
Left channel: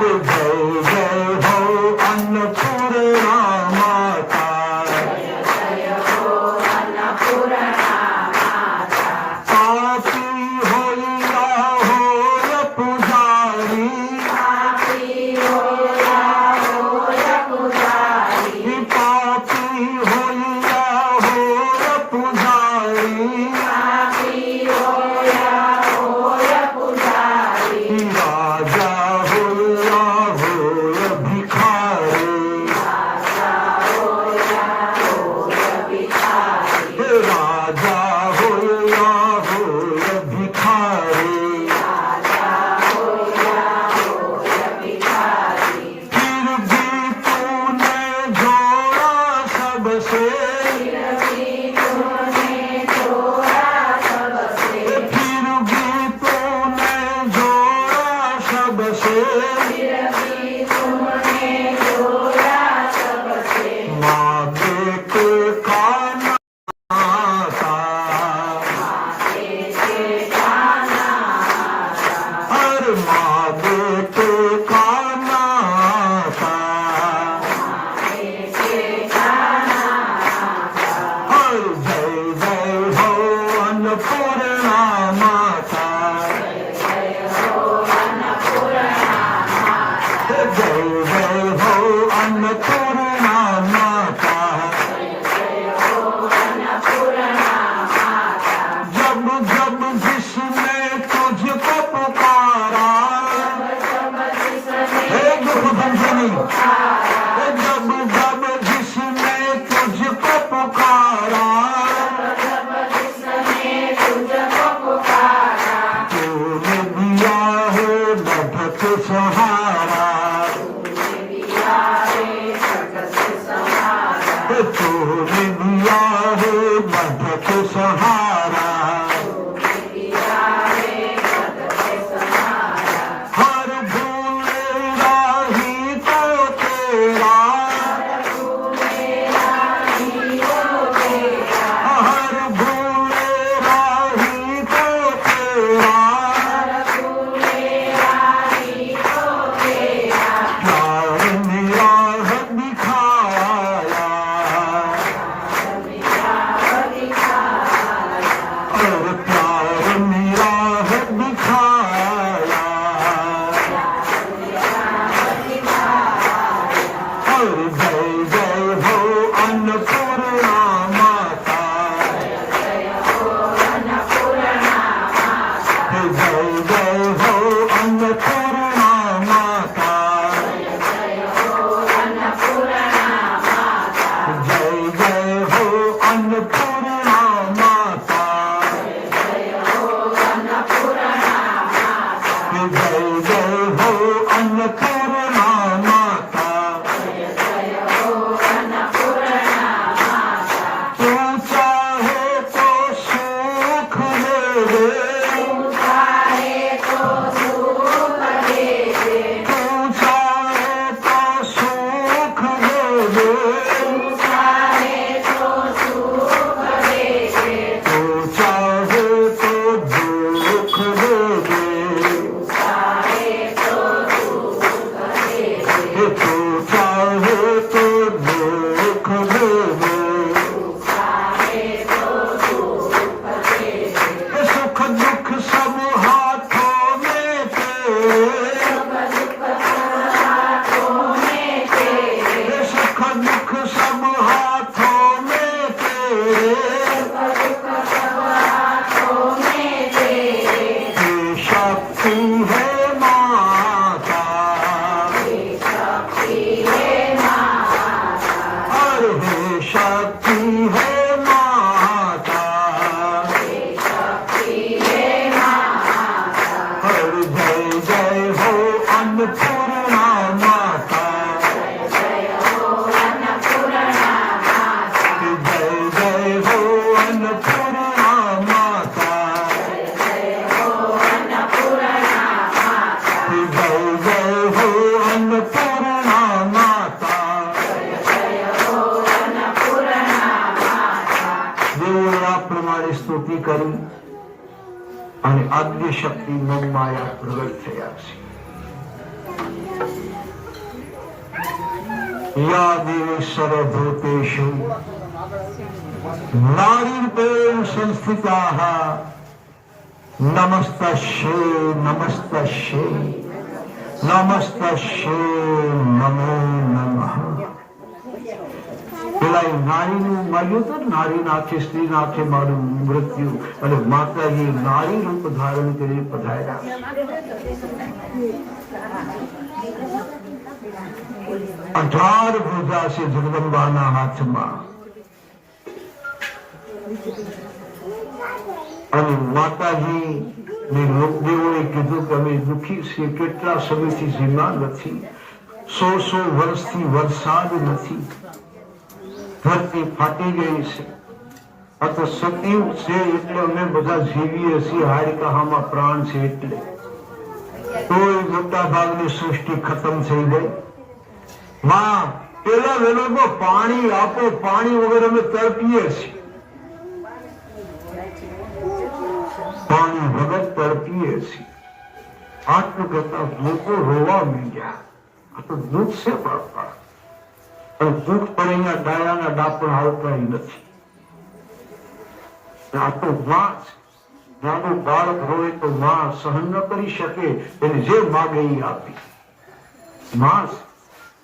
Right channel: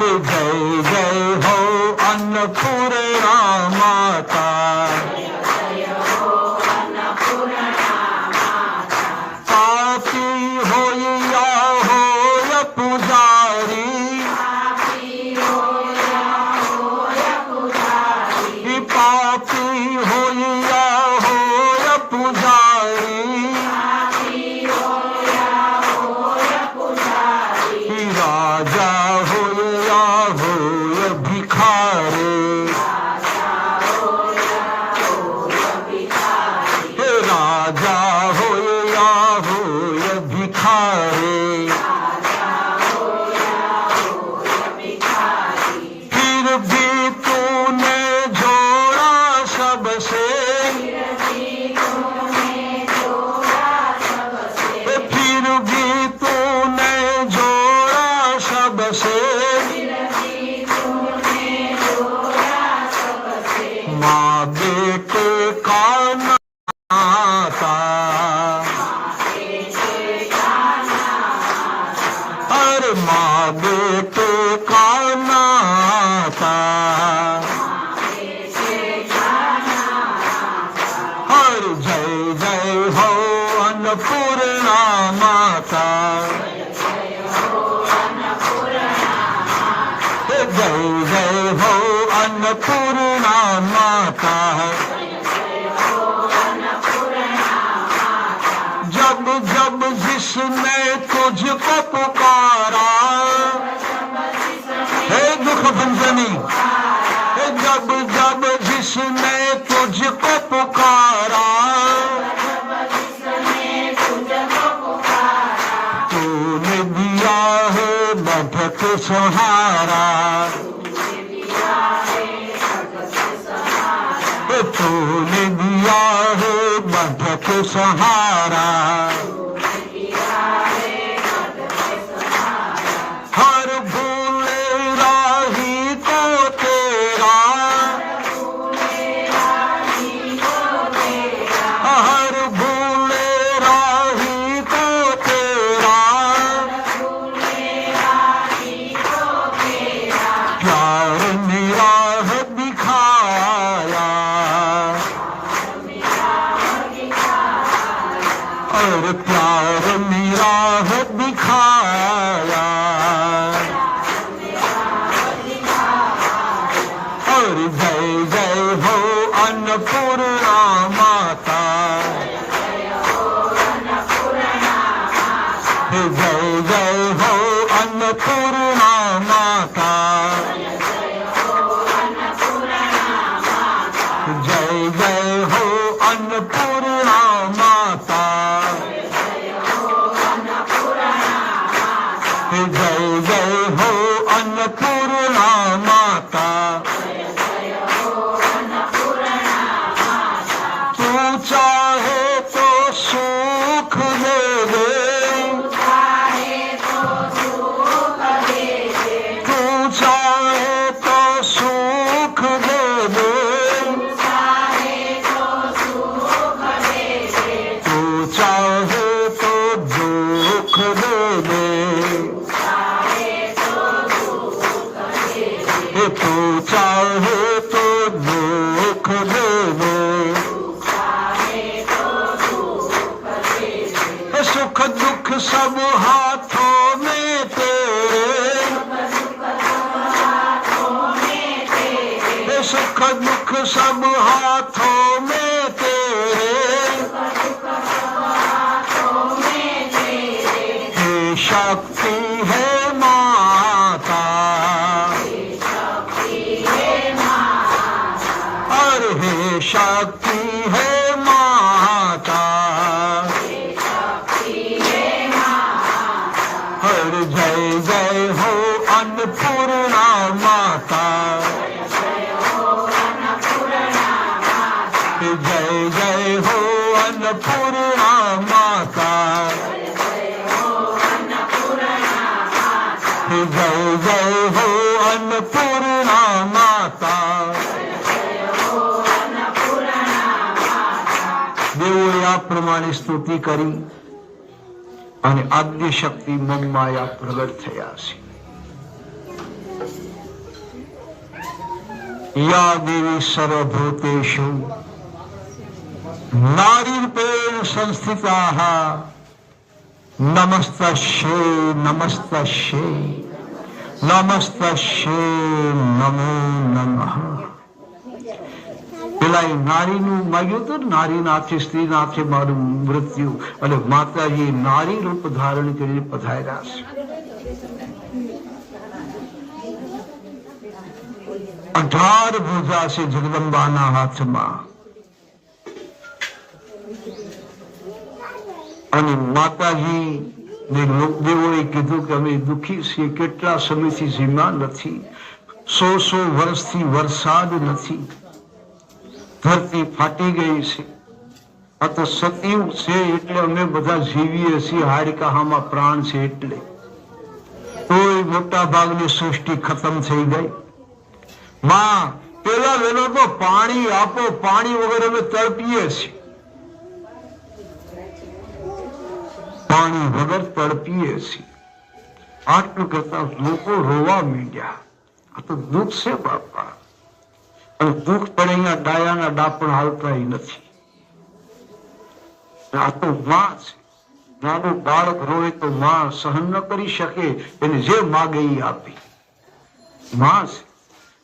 जय जय हो अन्नपूर्णा माता, पापी होया हो पुजारी, पापी होया हो पुजारी, राजा होया हो भिखारी, राजा होया हो भिखारी, फिर भी तूने जोड़ा सबसे, फिर भी तूने जोड़ा सबसे, माँ बेटे का नाता, अरे माँ बेटे का नाता, अरे जय जय हो अन्नपूर्णा माता, जय जय हो अन्नपूर्णा माता, जब जब जिसने तुझको पुकारा, हे दुख भंजनी, जब जब जिसने तुझको पुकारा, तूने दिया है बढ़त सहारा, तूने दिया है बढ़त सहारा, हर भूले राही को तेरा, हर भूले राही को तेरा, જય જય હો અન્નપૂર્ણા માતા, તું ચાહે તો સુખ દે દે, તું ચાહે તો સુખ દે દે, તું ચાહે તો સુખ દે દે, તું ચાહે તો સુખ દે દે, તું ચાહે તો દુઃખ દે દે, તું ચાહે તો દુઃખ દે દે, सुख दुख सब हाथों में तेरे, सुख दुख सब हाथों में तेरे, हे शक्ति है माता, अरे हे शक्ति है माता, हर जय जय हो अन्नपूर्णा माता, जय जय हो अन्नपूर्णा माता, जय जय हो अन्नपूर्णा माता, દેવોએ આ પ્રમાણે સ્તુતિ કરી અને આદ્ય શક્તિ મમમાયા પ્રગટ થયા છે. યા દેવી સર્વભૂતેષુ નારીરૂપેણ સંસ્થિતાઃ નમસ્તસ્યૈ નમસ્તસ્યૈ નમસ્તસ્યૈ નમો નમઃ. પેલા નારીનું માગ્યું હતું, નારીના હાથે સ્ત્રીના હાથે મારું મૃત્યુ, અને માતાજી નારી રૂપ ધારણ કરીને પધાર્યા છે. 18 ભુજા છે જગદંબાના હાથમાં, અને માતાજી ને લોકદેવોએ કીધું કે અમે દુઃખી છીએ, કેટલા સમયથી સીમા નથી, 100 વર્ષથી વરસાદ નથી, ધરતી ફાટી ગઈ છે, આ તો સતયુગ છે એટલે અમે બધા જીવીએ છીએ, હાડકાહામાં પ્રાણ છે એટલે. કોઈ મોટા ભાગની સૃષ્ટિ ખતમ થઈ ગઈ. માં પેલા વેલો પાણી આપો, પાણી વગર અમે તડપીએ છીએ, પાણી વગર તડપીએ છીએ. આટલું કહેતા લોકો રોવા માંડ્યા. આ તો દુઃખ છે બાપા, અને દુઃખ પડે અહીંયા ડાયાના ડાપણ આવતા નથી. આ તો માં છે. નાનું બાળક રોવે તો માં સહન ન કરી શકે, એને જે માગે એ આપી. માં છે.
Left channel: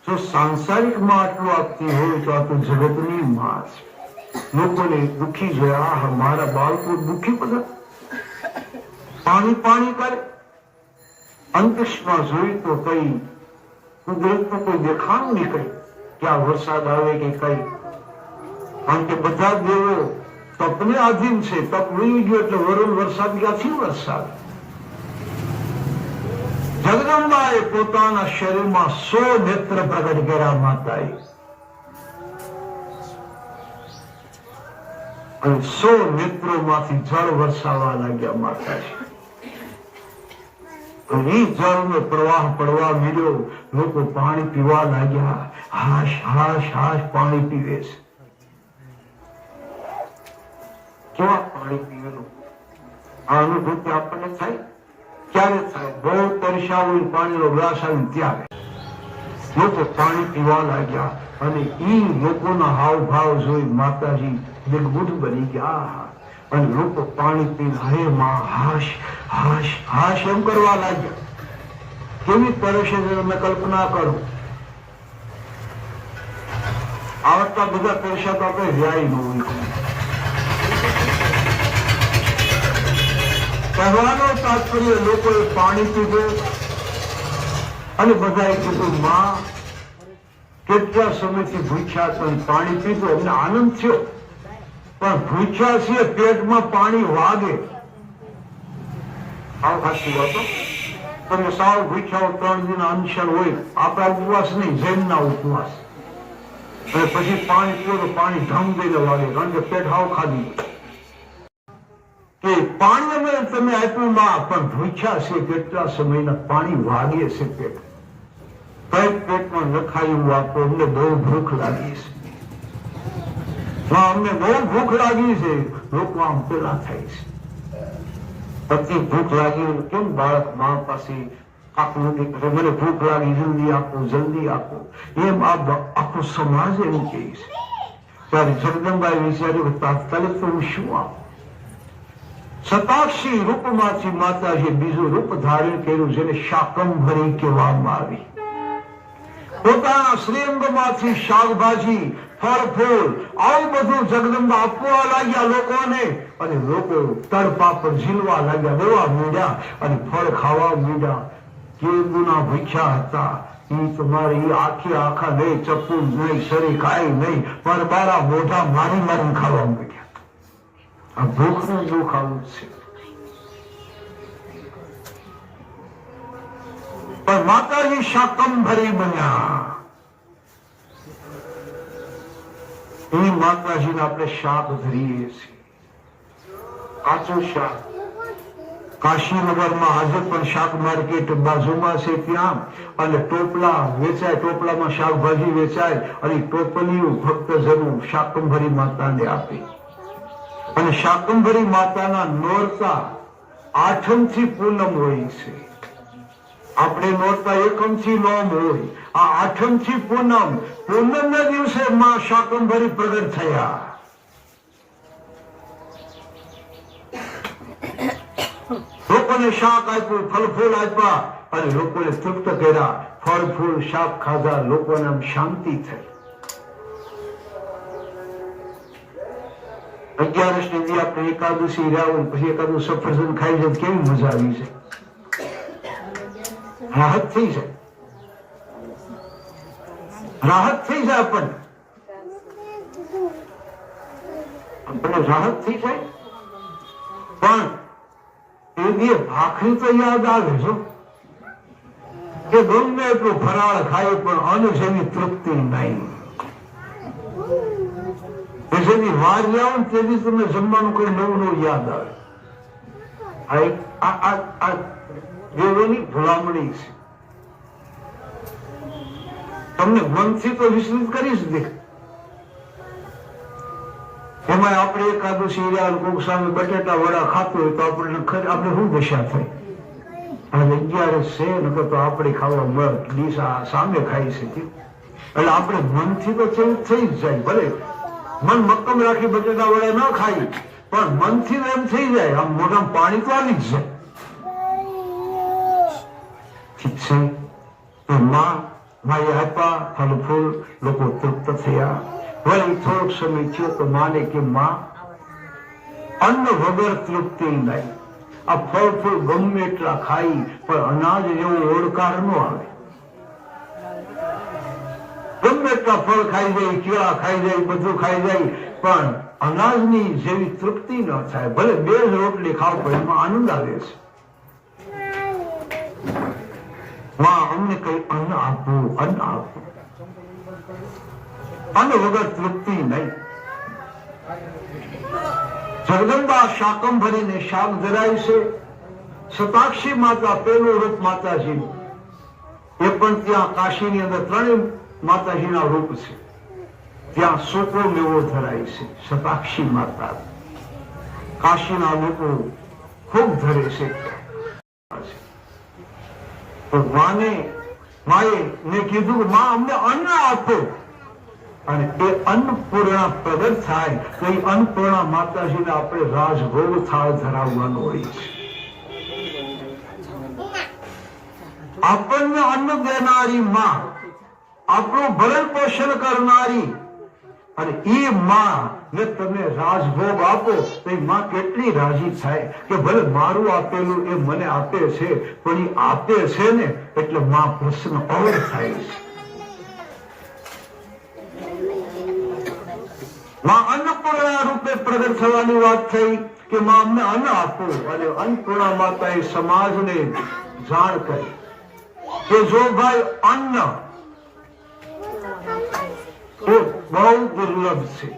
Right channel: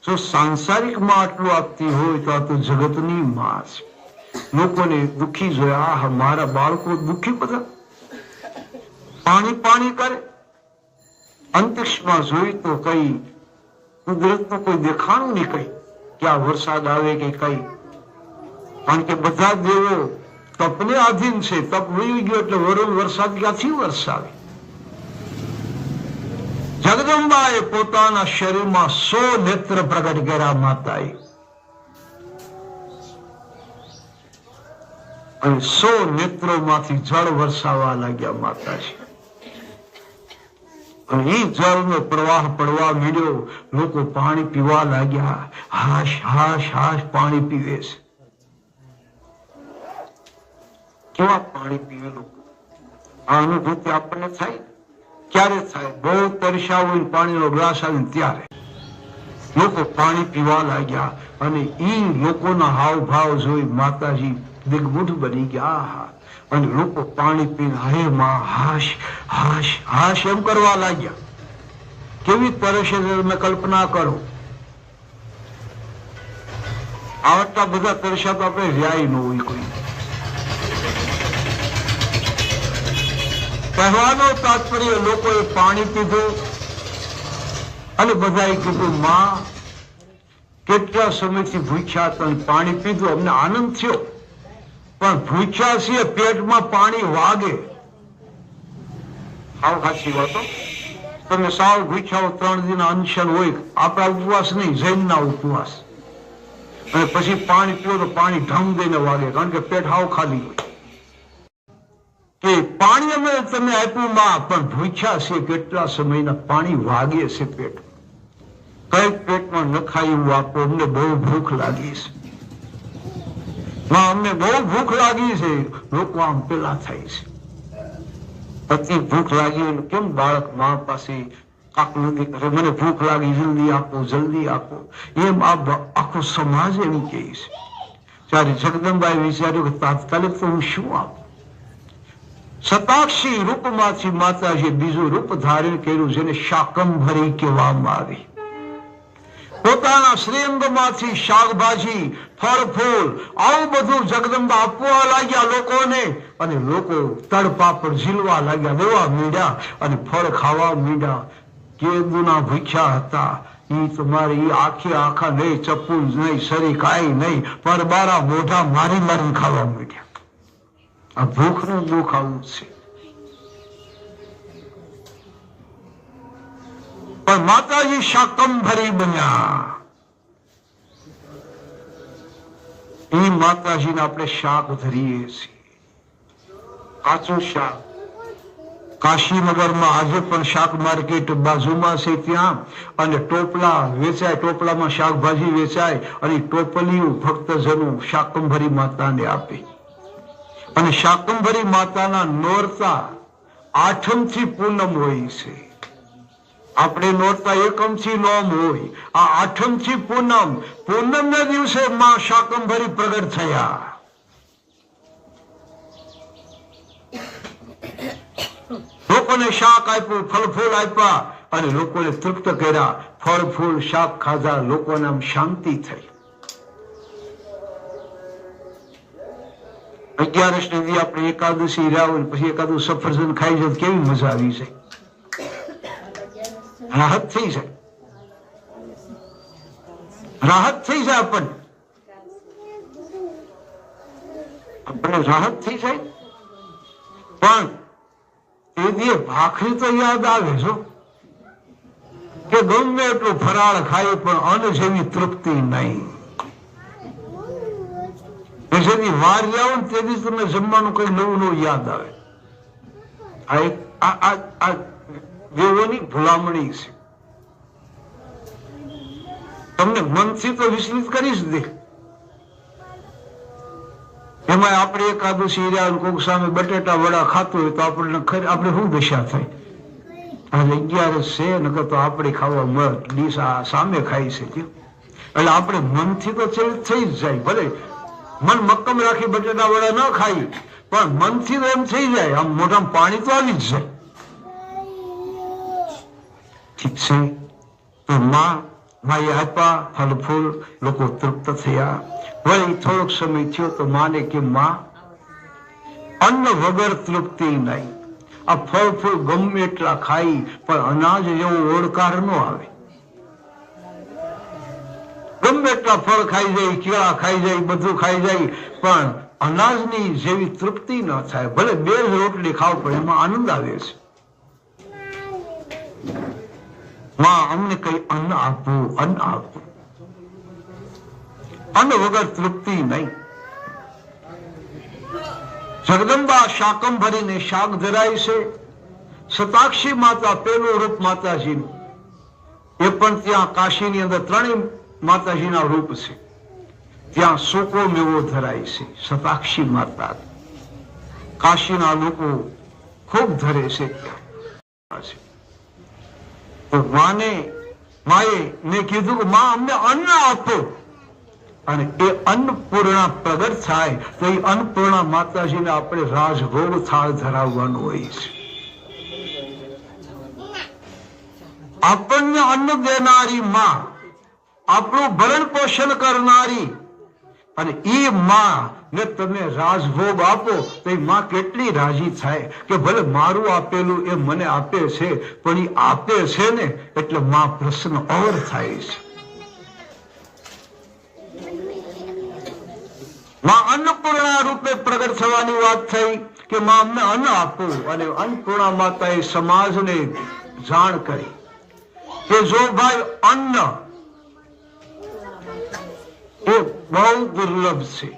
જો સાંસારિક માં આટલું આપતી હોય તો આ તો જગતની માં છે. લોકોને દુઃખી જોયા, આ મારા બાળકો દુઃખી બધા પાણી પાણી કરે. અંતરિક્ષમાં જોઈ તો કઈ કુદરત તો કોઈ દેખાણું નહીં, કઈ ક્યાં વરસાદ આવે કે કઈ, કારણ કે બધા દેવો તપને આધીન છે. તપ વહી ગયો એટલે વરુણ વરસાદ ક્યાંથી વરસાદ? જગદંબાએ પોતાના શરીરમાં 100 નેત્ર પ્રગટ કર્યા માતાએ, અને 100 નેત્રોમાંથી જળ વરસાવવા લાગ્યા માતાજી. એ જળનો પ્રવાહ પડવા માંડ્યો, લોકો પાણી પીવા લાગ્યા. હાશ હાશ હાશ પાણી પીવે છે. કેવા પાણી પીવેલું, આ અનુભૂતિ આપણને થાય ક્યારે થાય? બહુ તરસ્યા હોય, પાણીનો ગ્લાસ આવે ત્યારે લોકો પાણી પીવા લાગ્યા. અને એ લોકોના હાવભાવ જોઈ માતાજી દિગ્બુદ્ધ બની ગયા, અને લોકો પાણી પીને હે માં હાશ હાશ હાશ એમ કરવા લાગ્યા. કેવી તરસે તમે કલ્પના કરો. આવડતા બધા તરસ્યા તો આપણે રહ્યા ન હોય. કહેવાનો તાત્પર્ય લોકોએ પાણી પીધું અને બધાએ કીધું માં કેટલા સમયથી ભૂખ્યા હતા, પાણી પીધું, અમને આનંદ થયો, પણ ભૂખ્યા છીએ પેટમાં પાણી વાગે. આવ સાચી વાતો. તમે સાવ ભૂખ્યા 3 દિન અનશન હોય, આપણા ઉપવાસ નહીં, જૈનના ઉપવાસ, અને પછી પાણી પીવો તો પાણી ઢમ દઈને વાગે, કારણ કે પેટ હાવ ખાલી. કે પાણી અમે તમે આપ્યું માં, પણ ભૂખ્યા છે કેટલા સમયના, પાણી વાગે છે પેટ, કઈક પેટમાં નખાયું આપો, અમને બહુ ભૂખ લાગી છે, અમને બહુ ભૂખ લાગી છે. લોકો આમ પેલા થાય છે, અતિ ભૂખ લાગી. કેમ બાળક મા પાસે કાકલું કરે, મને ભૂખ લાગી, જલ્દી આપો, જલ્દી આપો, એમ આખો સમાજ એમ કહે છે. ત્યારે જગદંબાએ વિચાર્યું કે તાત્કાલિક તો હું શું આપું. શતાક્ષી રૂપમાંથી માતાજીએ બીજું રૂપ ધારણ કર્યું, જેને શાકંભરી કહેવામાં આવી. પોતાના શ્રીઅંગમાંથી શાકભાજી, ફળ ફૂલ, આવું બધું જગદંબા આપવા લાગ્યા લોકોને, અને લોકો તડપાપડ ઝીલવા લાગ્યા, દેવા માંડ્યા, અને ફળ ખાવા માંડ્યા. કે ગુના ભૂખ્યા હતા, ઈ તમારે ઈ આખા નહીં, ચપ્પુ નહીં, શરી કાંઈ નહીં, પર બારા મોઢા મારી મારી ખાવા માંડ્યા. આ ભૂખનું દુઃખ આવું છે. પણ માતાજી શાકંભરી બન્યા. એ માતાજીને આપણે શાક ધરીએ છીએ, કાચું શાક. કાશીનગરમાં આજે પણ શાક માર્કેટ બાજુમાં છે ત્યાં, અને ટોપલા વેચાય, ટોપલામાં શાકભાજી વેચાય, અને ટોપલીઓ ભક્તજનો શાકંભરી માતાને આપે. અને શાકંભરી માતાના નોરતા 8મ થી પૂનમ હોય છે. આપણે નોરતા 1મ થી નોમ હોય, આ 8મ થી પૂનમ. પૂનમના દિવસે માં શાકંભરી પ્રગટ થયા. લોકોને શાક આપ્યું, ફળ ફૂલ આપ્યા, અને લોકોને તૃપ્ત કર્યા. ફળ ફૂલ શાક ખાધા, લોકોને આમ શાંતિ થઈ. 11 દી આપણે એકાદશી રાવણ, પછી એકાદું સફરજન ખાઈ જાય, કેવી મજા આવી છે, રાહત થઈ જાય, રાહત થઈ જાય, આપણે રાહત થઈ જાય. પણ એ દી ભાખરી તો યાદ આવે છો, કે ગમે એટલું ફરાળ ખાય પણ અન્ન જેવી તૃપ્તિ નહીં. જેની વાર જાઓ ને તે દિવસ તમને જમવાનું કઈ નવું નવું યાદ આવે. આ દેવોની ભલામણી છે, તમને મનથી તો વિસ્તૃત કરી જ દે. એમાં આપણે એકાદશી રહ્યા, કોક સામે બટેટા વડા ખાતું હોય તો આપણે શું દશા થાય. આજે 11 છે, નકર તો આપણે ખાવા મળે, ડીસા સામે ખાઈ શકીએ. એટલે આપણે મનથી તો ચેન્જ થઈ જ જાય. ભલે મન મક્કમ રાખી બટેટા વડા ન ખાઈ, પણ મનથી એમ થઈ જાય, આમ મોઢામાં પાણી તો આવી જ જાય. ઠીક છે, તો માએ આપ્યા ફળ ફૂલ, લોકો તૃપ્ત થયા. વળી થોડોક સમય થયો તો માને કે માં, અન્ન વગર તૃપ્તિ નહીં. આ ફળ ફૂલ ગમે એટલા ખાઈ, પણ અનાજ જેવો ઓળકાર ન આવે. ગમે એટલા ફળ ખાઈ જાય, કેળા ખાઈ જાય, બધું ખાઈ જાય, પણ અનાજની જેવી તૃપ્તિ ન થાય. ભલે 2 રોટલી ખાવ, પણ એમાં આનંદ આવે છે. માં અમને કઈ અન્ન આપવું, અન્ન આપવું. અન્ન વગર તૃપ્તિ નહીં. જગદંબા શાકંભરીને શાક ધરાય છે. શતાક્ષી માતા પેલું રૂપ માતાજીનું, એ પણ ત્યાં કાશીની અંદર 3 માતાજીના રૂપ છે. ત્યાં સૂકો મેવો ધરાય છે, શતાક્ષી માતા. કાશીના લોકો ખૂબ ધરે છે. તો માએ કીધું કે માં અમને અન્ન આપો, અને એ અન્નપૂર્ણા પ્રગટ થાય તો એ અન્નપૂર્ણા માતાજીને આપણે રાજભોગ થાળ ધરાવવાનો હોય છે. આપણને અન્ન દેનારી માં, આપણું ભરણ પોષણ કરનારી, અને એ માં ને તમે રાજભોગ આપો તો એ માં કેટલી રાજી થાય કે ભલે મારું આપેલું એ મને આપે છે, પણ એ આપે છે ને એટલે માં પ્રસન્ન ઓર થાય છે. માં અન્નપૂર્ણા રૂપે પ્રગટ થવાની વાત થઈ કે માં અમને અન્ન આપો, અને અન્નપૂર્ણા માતાએ સમાજને જાણ કરી કે જો ભાઈ અન્ન એ બહુ દુર્લભ છે,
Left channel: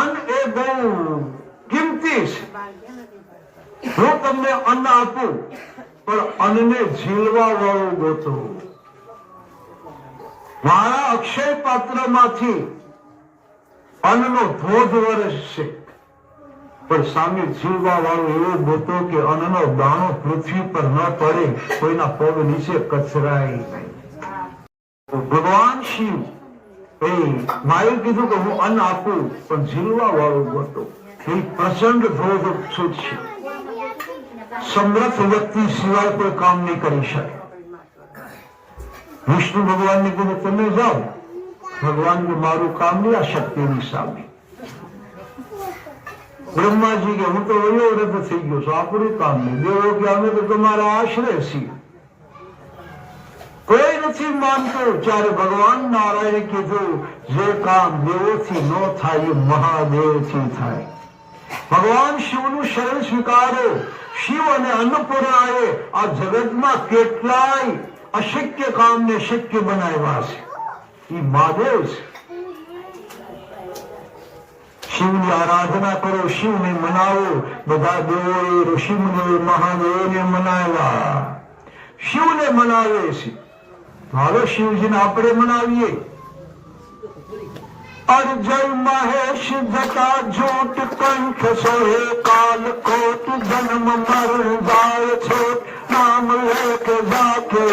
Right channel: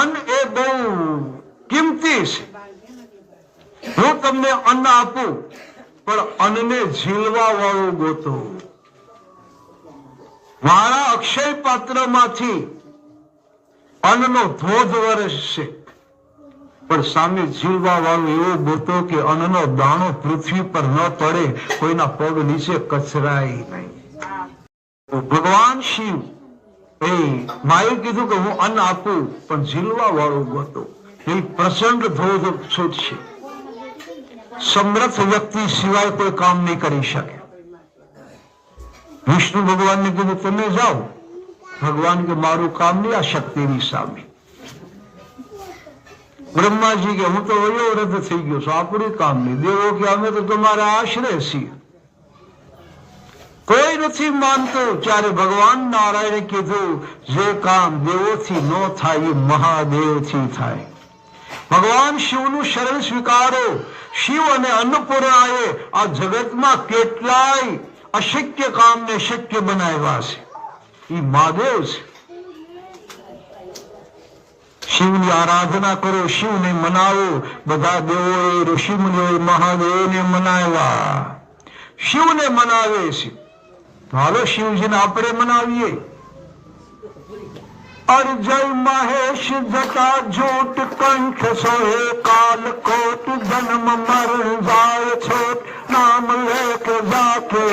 અન્ન એ બહુ કિંમતી છે. હું તમને અન્ન આપું પણ અન્નને ઝીલવા વાળું ગોતો. મારા અક્ષય પાત્રમાંથી અન્નનો ધોધ વરસશે પણ સામે ઝીલવા વાળું એવું ગોતો કે અન્નનો દાણો પૃથ્વી પર ન પડે, કોઈના પગ નીચે કચરાય નહીં. ભગવાન શિવ એ માએ કીધું કે હું અન્ન આપું પણ ઝીલવા વાળું ગોતો. એ પ્રચંડ ધોધ છૂટશે. સમર્થ વ્યક્તિ સિવાય કોઈ કામ નહીં કરી શકે. વિષ્ણુ ભગવાનને કીધું તમે જાઓ. ભગવાન કે મારું કામ નહીં આ શક્તિની સામે. બ્રહ્માજી કે હું તો વયોવૃદ્ધ થઈ ગયો છું, આપણું કામ નહીં. દેવો કે અમે તો તમારા આશ્રય છીએ. કોઈ નથી માનતું. ત્યારે ભગવાન નારાયણે કીધું જે કામ દેવોથી ન થાય એ મહાદેવથી થાય. ભગવાન શિવનું શરણ સ્વીકારો. શિવ અને અન્નપૂર્ણાએ આ જગતમાં કેટલાય અશક્ય કામને શક્ય બનાવ્યા છે. એ મહાદેવ છે. શિવની આરાધના કરો, શિવને મનાવો. બધા દેવોએ ઋષિમુનિઓએ મહાદેવને મનાવ્યા, શિવને મનાવે છે. હાલો શિવજીને આપણે મનાવીએ. અર્જય મહેશ જટા જોટ કંઠ સોહે કાલ કોટ જન્મ મરણ જાય છોટ નામ લેખ જાકે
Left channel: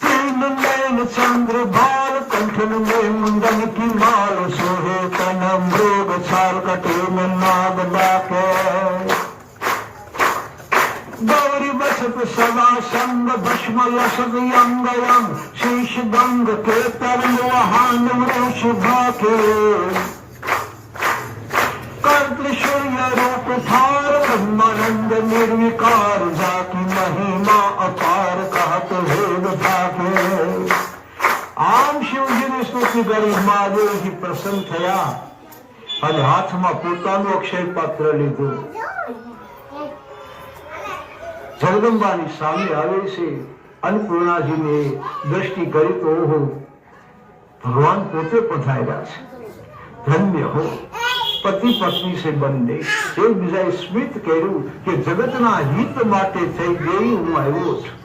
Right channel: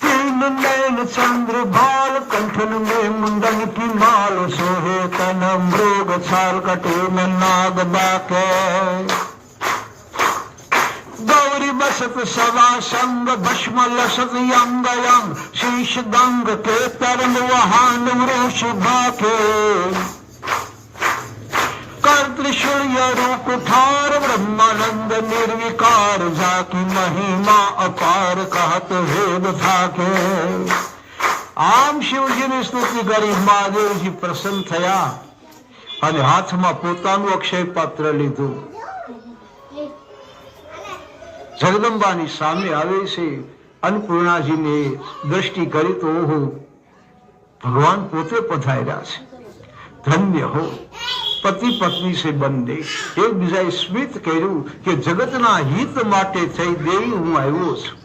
तीन नैन चंद्र भाल कंठन में मुंडन की माल सोहे तन मृग छाल कटे में नाग डाके गौरी बसत सवा संग भस्म लसत यंग यंग शीश गंग के तरम वहान वृष भाके कर त्रिशूल रूप ठार ब्रह्मानंद निर्विकार जाकी महिमा अपार कहत वेद थाके. આમ શિવજીની સ્તુતિ કરી મહાદેવજી પ્રસન્ન થયા અને હાથમાં પોતાનું અક્ષય પાત્ર લીધું. જગદંબાની સામે આવે છે. અન્નપૂર્ણાજીને દ્રષ્ટિ કરી તો ઓહો, ભગવાન પોતે પધાર્યા છે. ધન્ય હો. પતિ પત્ની છે બંને એકબીજાએ સ્મિત કર્યું કે જગતના હિત માટે થઈ દેવી હું આવ્યો છું.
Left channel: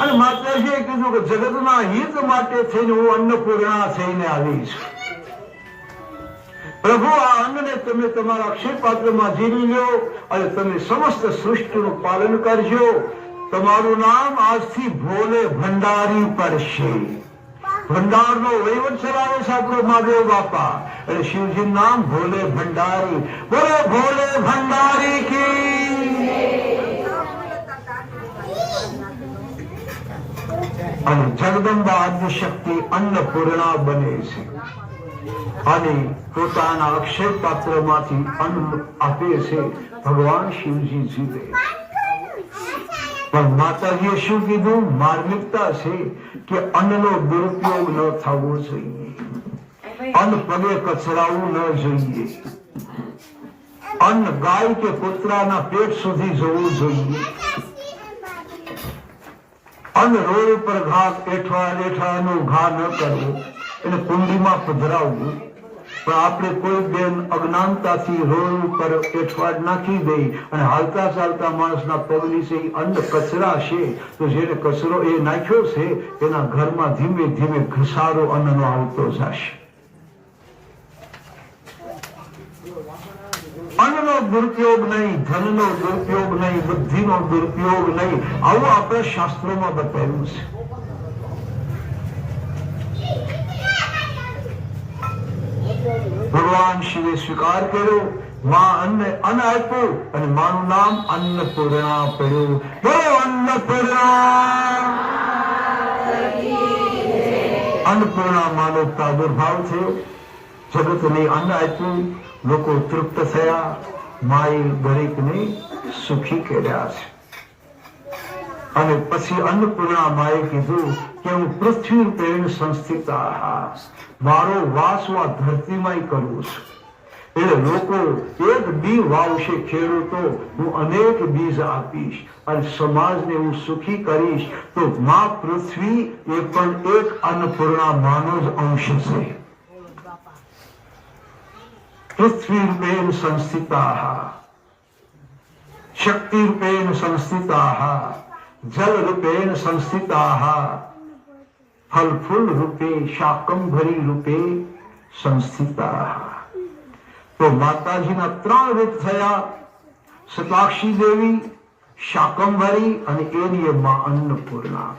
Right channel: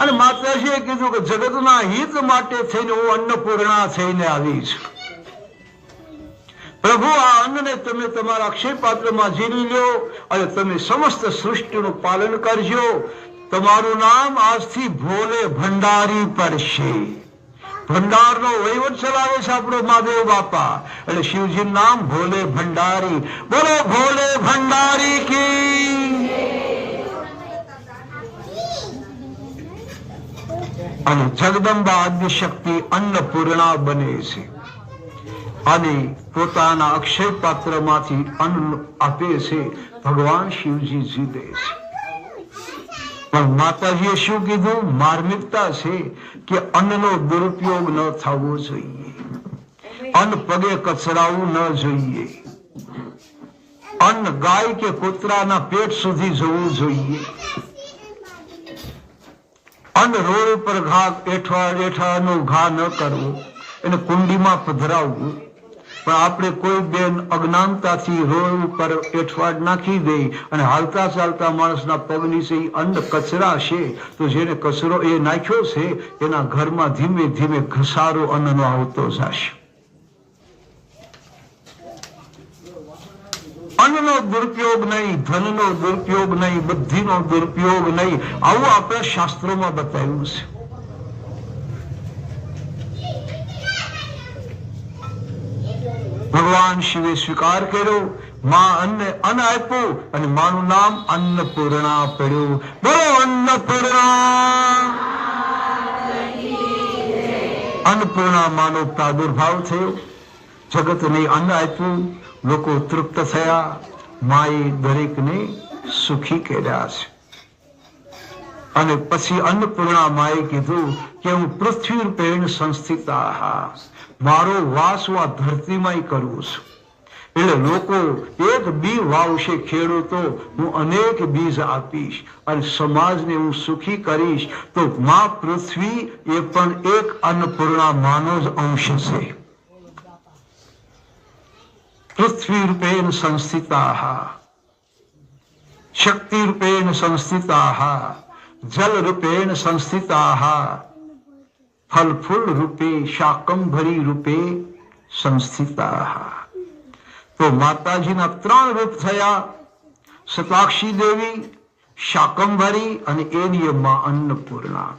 અને માતાજીએ કીધું કે જગતના હિત માટે થઈને હું અન્નપૂર્ણા થઈને આવી છું. પ્રભુ આ અન્નને તમે તમારા અક્ષય પાત્રમાં જીવી લો અને તમે સમસ્ત સૃષ્ટિનું પાલન કરજો. તમારું નામ આજથી ભોલે ભંડારી પડશે. ભંડારનો વહીવટ ચલાવે છે આપણો મહાદેવ બાપા. એટલે શિવજીનું નામ ભોલે ભંડારી. બોલો ભોલે ભંડારી કી. અને જગદંબા આદ્ય શક્તિ અન્નપૂર્ણા બને છે અને પોતાના અક્ષય પાત્રમાંથી અન્ન આપે છે. ભગવાન શિવજી જીતે છે. પણ માતાજીએ શું કીધું? માર્મિકતા છે કે અન્નનો દુરુપયોગ ન થવો જોઈએ. અન્ન પગે કચરાવું ન જોઈએ. અન્ન ગાય કે કૂતરાના પેટ સુધી જવું જોઈએ. અન્ન રોડ ઉપર ઘા એઠવાનું ઘા ન કરવું, એને કુંડીમાં પધરાવવું. પણ આપણે કોઈ બેન અજ્ઞાનતાથી રોડ ઉપર એઠવાડ નાખી દે અને હાલતા ચાલતા માણસના પગ નીચે અન્ન કચરા છે તો જેને કચરો એ નાખ્યો છે એના ઘરમાં ધીમે ધીમે ઘસારો અન્નનો આવતો જશે. અન્નનો દુરુપયોગ નહીં, ધનનો દુરુપયોગ નહીં, બુદ્ધિનો દુરુપયોગ નહીં, આવું આપણા શાસ્ત્રોમાં બતાવ્યું છે. ભગવાન શિવે સ્વીકાર કર્યો. માં અન્ન આપ્યું અને માનું નામ અન્નપૂર્ણા પડ્યું. બોલો અન્નપૂર્ણા. અન્નપૂર્ણા માનો પ્રાદુર્ભાવ થયો. જગતને અન્ન આપ્યું, લોકો તૃપ્ત થયા. માએ દરેકને સુખી કર્યા છે. અને પછી અન્નપૂર્ણા માએ કીધું કે હું પૃથ્વી રૂપેણ સંસ્થિતા, મારો વાસ હું આ ધરતીમાં કરવું છું. એટલે લોકો એક બી વાવશે ખેડૂતો, હું અનેક બીજ આપીશ અને સમાજને હું સુખી કરીશ. તો માં પૃથ્વી એ પણ એક અન્નપૂર્ણા માનો જ અંશ છે. પૃથ્વી રૂપેણ સંસ્થિતાઃ, શક્તિ રૂપેણ સંસ્થિતાઃ, જલ રૂપેણ સંસ્થિતાઃ, ફલ ફૂલ રૂપે શાકંભરી રૂપે સંસ્થિતાઃ. તો માતાજીના 3 રૂપ થયા, શતાક્ષી દેવી, શાકંભરી અને એની માં અન્નપૂર્ણા.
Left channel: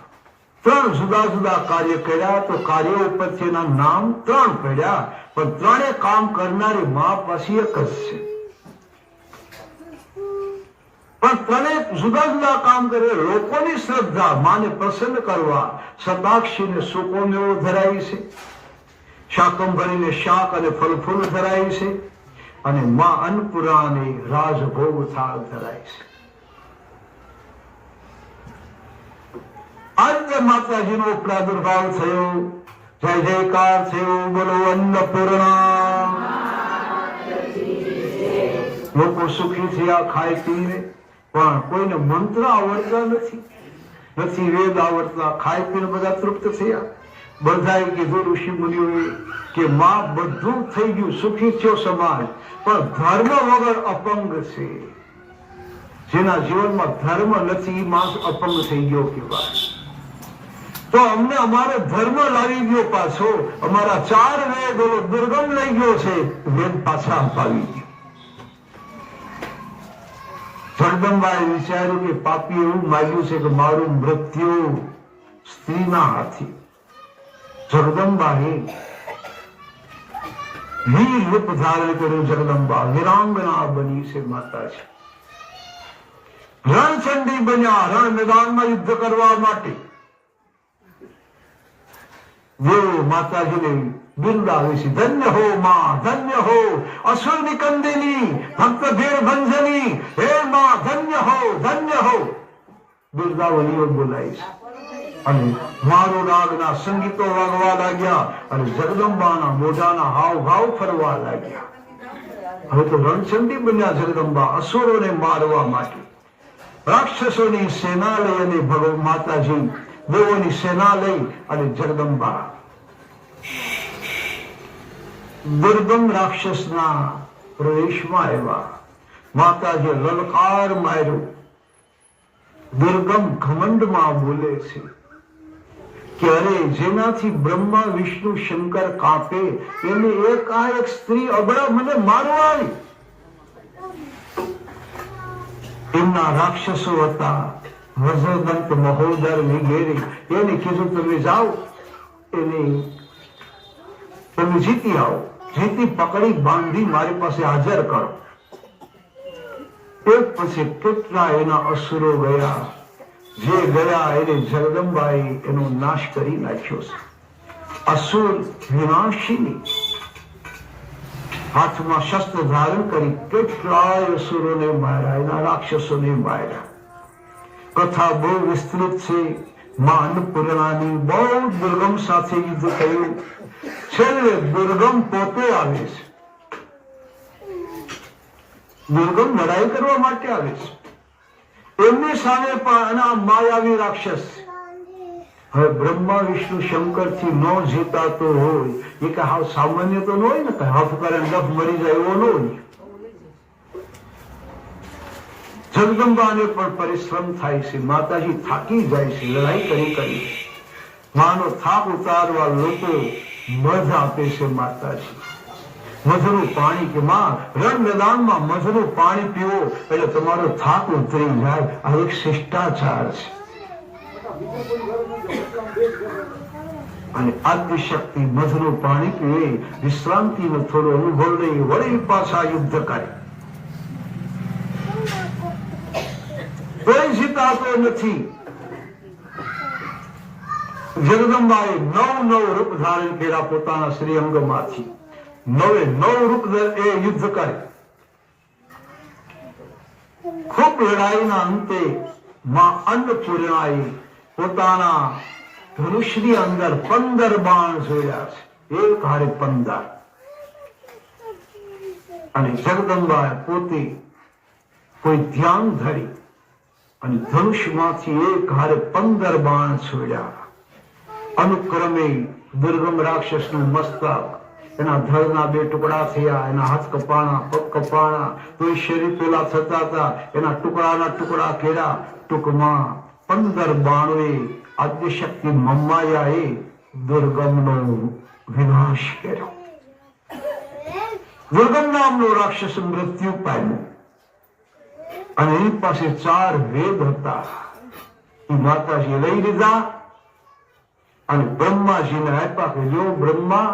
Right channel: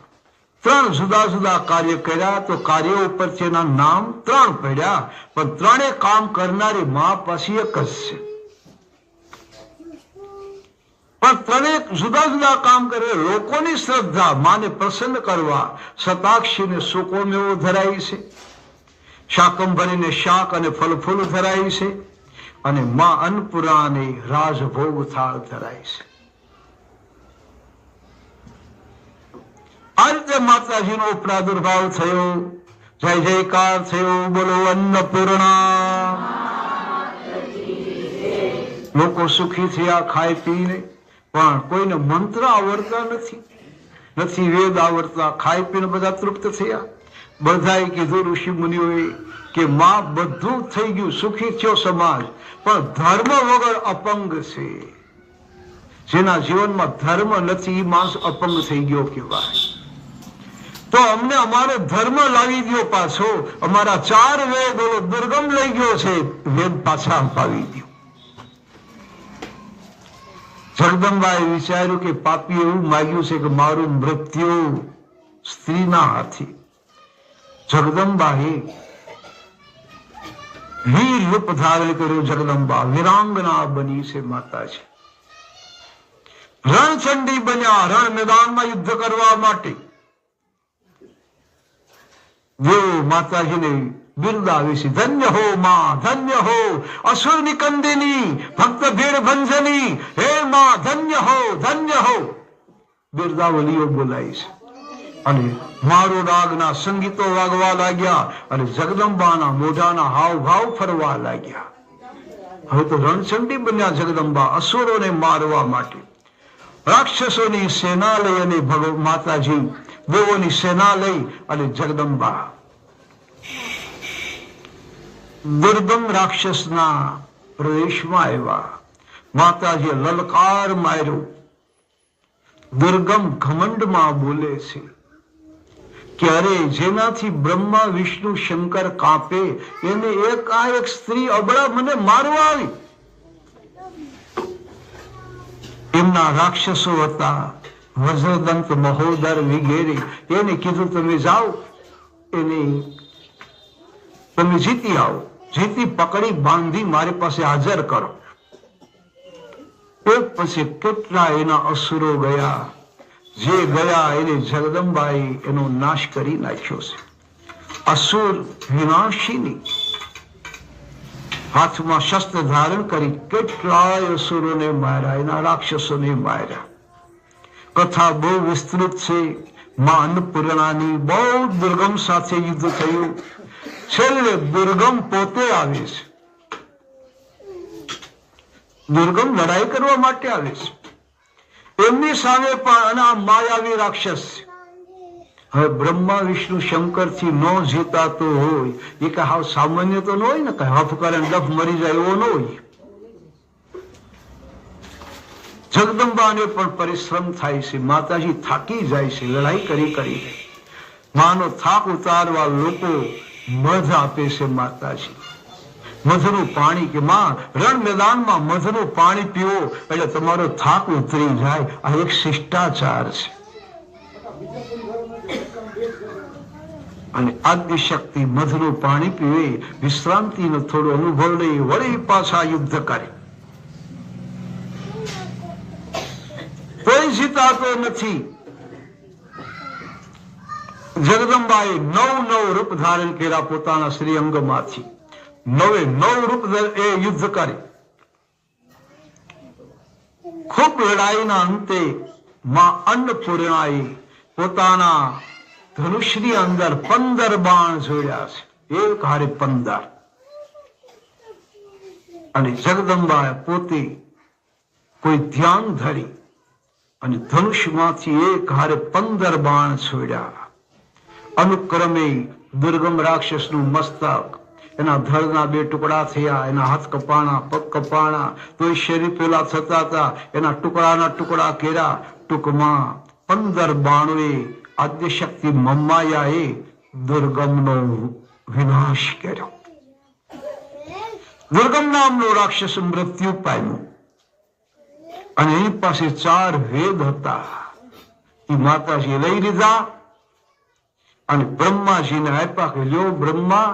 3 જુદા જુદા કાર્ય કર્યા. તો કાર્યો ઉપરથી એના નામ 3 પડ્યા, પણ 3 કામ કરનારી માં પાછી એક જ છે. પણ 3 જુદા જુદા કામ કરે. લોકોની શ્રદ્ધા માને પ્રસન્ન કરવા શતાક્ષીને સૂકો મેવો ધરાવી છે, શાકંભરીને શાક અને ફલ ફૂલ ધરાવી છે, અને માં અન્નપૂર્ણાને રાજભોગ થાળ ધરાય છે. આજે માતાજીનો પ્રાદુર્ભાવ થયો, જય જયકાર થયો, બોલો અન્નપૂર્ણા. લોકો સુખી થયા ખાઈ પીને, પણ કોઈને મંત્ર આવડતા નથી વેદ આવડતા. ખાઈ પીને બધા તૃપ્ત થયા. બધાએ કીધું ઋષિ મુનિઓએ કે માં બધું થઈ ગયું, સુખી થયો સમાજ, પણ ધર્મ વગર અપંગ છે. જેના જીવનમાં ધર્મ નથી એ માણસ અપંગ થઈ ગયો કહેવાય. તો અમને અમારો ધર્મ લાવી ગયો પાછો. અમારા 4 વેદ દુર્ગમ લઈ ગયો છે, વેદ પાછા અપાવી ગયો. જગદંબાએ વિચાર્યું કે પાપી એવું માગ્યું છે કે મારું મૃત્યુ સ્ત્રીના હાથે. જગદંબાએ વીર રૂપ ધારણ કર્યું. જગદંબા વીરાંગના બની છે માતાજી. રણચંડી બન્યા, રણ મેદાનમાં યુદ્ધ કરવા માટે. દેવો માતાજીને બિરદાવે છે, ધન્ય હો માં, ધન્ય હો અસુર નિકંદિની, ભક્ત ભીડ ભંજની, હે માં ધન્ય હો, ધન્ય હો. બિરદાવલીઓ બોલાય છે. અને મારો રાગના સંગીતો વાગવા લાગ્યા, અને જગદંબાના મોઢાના હાવભાવ ફરવા લાગ્યા. હવે તો રણચંડી બન્યા જગદંબા, અસુરોને મારવા માટે. રાક્ષસોની સેના લઈ અને માતાજી દેવોની સેના લઈ અને જગદંબા દુર્ગમ રાક્ષસના પ્રદેશમાં આવ્યા. માતાજી લલકાર માર્યો. દુર્ગમ ઘમંડમાં બોલે છે કે અરે જેનાથી બ્રહ્મા વિષ્ણુ શંકર કાપે, એને એક સ્ત્રી અબળા મને મારવા આવી. એમના રાક્ષસો હતા વજ્રદંત, મહોદર વગેરે. એને કીધું તમે જાઓ, એને તમે જીતી આવો, જીતી પકડી બાંધી મારી પાસે હાજર કરો. એક પછી કેટલા એના અસુરો ગયા. જે ગયા એને જગદંબાએ એનો નાશ કરી નાખ્યો છે. અસુર વિનાશીની હાથમાં શસ્ત્ર ધારણ કરી કેટલાય અસુરોને માર્યા, એના રાક્ષસોને માર્યા. કથા બહુ વિસ્તૃત છે. માં અન્નપૂર્ણાની બહુ દુર્ગમ સાથે યુદ્ધ થયું. છેલ્લે દુર્ગમ પોતે આવે છે. દુર્ગમ લડાઈ કરવા માટે આવે છે. એમની સામે પણ આ માયાવી રાક્ષસ. હવે બ્રહ્મા વિષ્ણુ શંકર થી ન જીતાતો હોય એ કે હાવ સામાન્ય તો ન હોય ને, કઈ હાથ કરે ડફ મરી જાય એવો ન હોય. જગદંબાને પણ પરિશ્રમ થાય છે. માતાજી થાકી જાય છે લડાઈ કરી કરી. માનો થાક ઉતારવા લોકો મધ આપે છે. માતાજી મધનું પાણી, કે માં રણ મેદાનમાં મધનું પાણી પીવો એટલે તમારો થાક ઉતરી જાય. આ એક શિષ્ટાચાર છે. અને આદિશક્તિ મધનું પાણી પીવે, વિશ્રાંતિનો થોડો અનુભવ લઈ વળી પાછા યુદ્ધ કરે. કોઈ જીતાતો નથી. જગદંબાએ 9 રૂપ ધારણ કર્યા પોતાના શ્રીઅંગમાંથી. 9 રૂપ એ યુદ્ધ કરે. ખૂબ લડાઈના અંતે માં અન્નપૂર્ણાએ પોતાના ધનુષની અંદર 15 બાણ જોડ્યા છે. એક હારે 15. અને જગદંબાએ પોતે કોઈ ધ્યાન ધરી અને ધનુષમાંથી એક હારે 15 બાણ છોડ્યા. અનુક્રમે દુર્ગમ રાક્ષસનું મસ્તક, એના ધડના 2 ટુકડા થયા, એના હાથ કપાણા, પગ કપાણા, તો એ શરીર પેલા થતા હતા, એના ટુકડાના ટુકડા કર્યા. ટૂંકમાં 15 બાણોએ આદ્યશક્તિ મમ્માયાએ દુર્ગમનો વિનાશ કર્યો. દુર્ગમ નામનો રાક્ષસ મૃત્યુ પામ્યો અને એની પાસે 4 વેદ હતા. એ માતાજી લઈ લીધા અને બ્રહ્માજીને આપ્યા કે લ્યો બ્રહ્મા,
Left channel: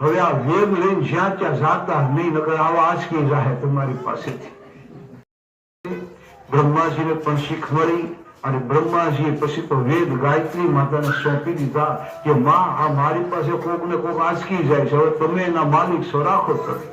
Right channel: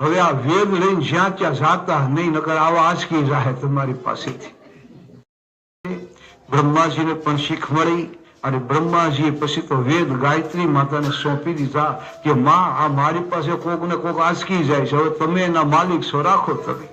હવે આ વેદ લઈને જ્યાં ત્યાં જાતા નહીં, નકર આવા આંચકી જાય તમારી પાસેથી. બ્રહ્માજીને પણ શીખ મળી અને બ્રહ્માજીએ પછી તો વેદ ગાયત્રી માતાને સોંપી દીધા કે માં, આ મારી પાસે કોક ને કોક આંચકી જાય છે, હવે તમે એના માલિક છો, રાખો તમે.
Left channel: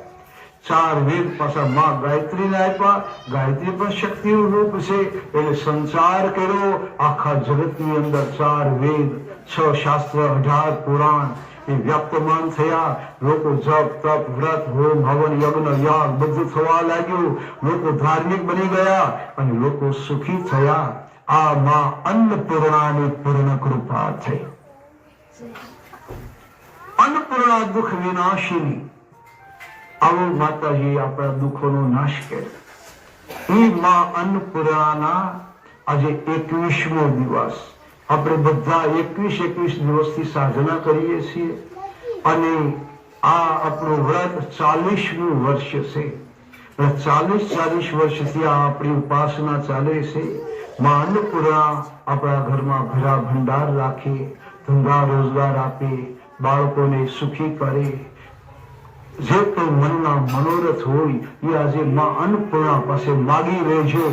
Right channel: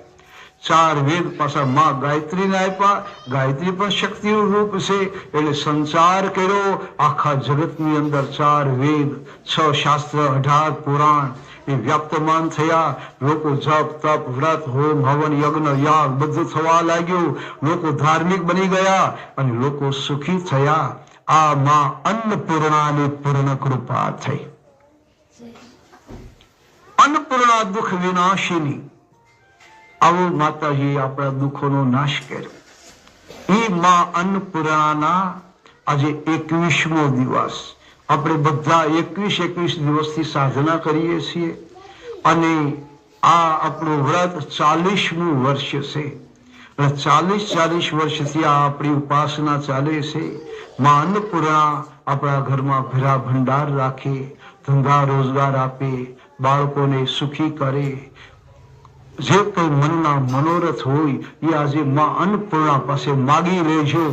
4 વેદ પાછા માં ગાયત્રીને આપ્યા. ગાયત્રી પણ શક્તિ રૂપ છે, એટલે સંચાર કર્યો આખા જગતની અંદર. 4 વેદ, 6 શાસ્ત્ર, 18 પુરાણ એ વ્યાપ્તમાન થયા. લોકો જપ તપ વ્રત હોમ હવન યજ્ઞ યાગ બધું થવા લાગ્યું. લોકો ધાર્મિક બની ગયા અને લોકો સુખી થયા. આ માં અન્નપૂર્ણાની પૂર્ણ કૃપા થઈ. અન્નપૂર્ણા દુઃખ વિનાશિની, આવો માતાજી આપણા દુઃખોનો નાશ કરે. એ માં અન્નપૂર્ણાના આજે 21મો દિવસ. આપણે બધા 21 દિવસથી સાધના કરીએ છીએ અને આ આપણું વ્રત 40મું વર્ષ છે. 40 વર્ષથી આ આપણી ઉપાસના ચાલે છે. માં અન્નપૂર્ણા આપણા ઘરમાં ભેરા ભંડાર રાખે, ધંધા રોજગાર આપે, બાળકોને સુખી કરે. જે કોઈ મનના મનોરથ હોય એ આજે માં અન્નપૂર્ણા પાસે માગી લેજો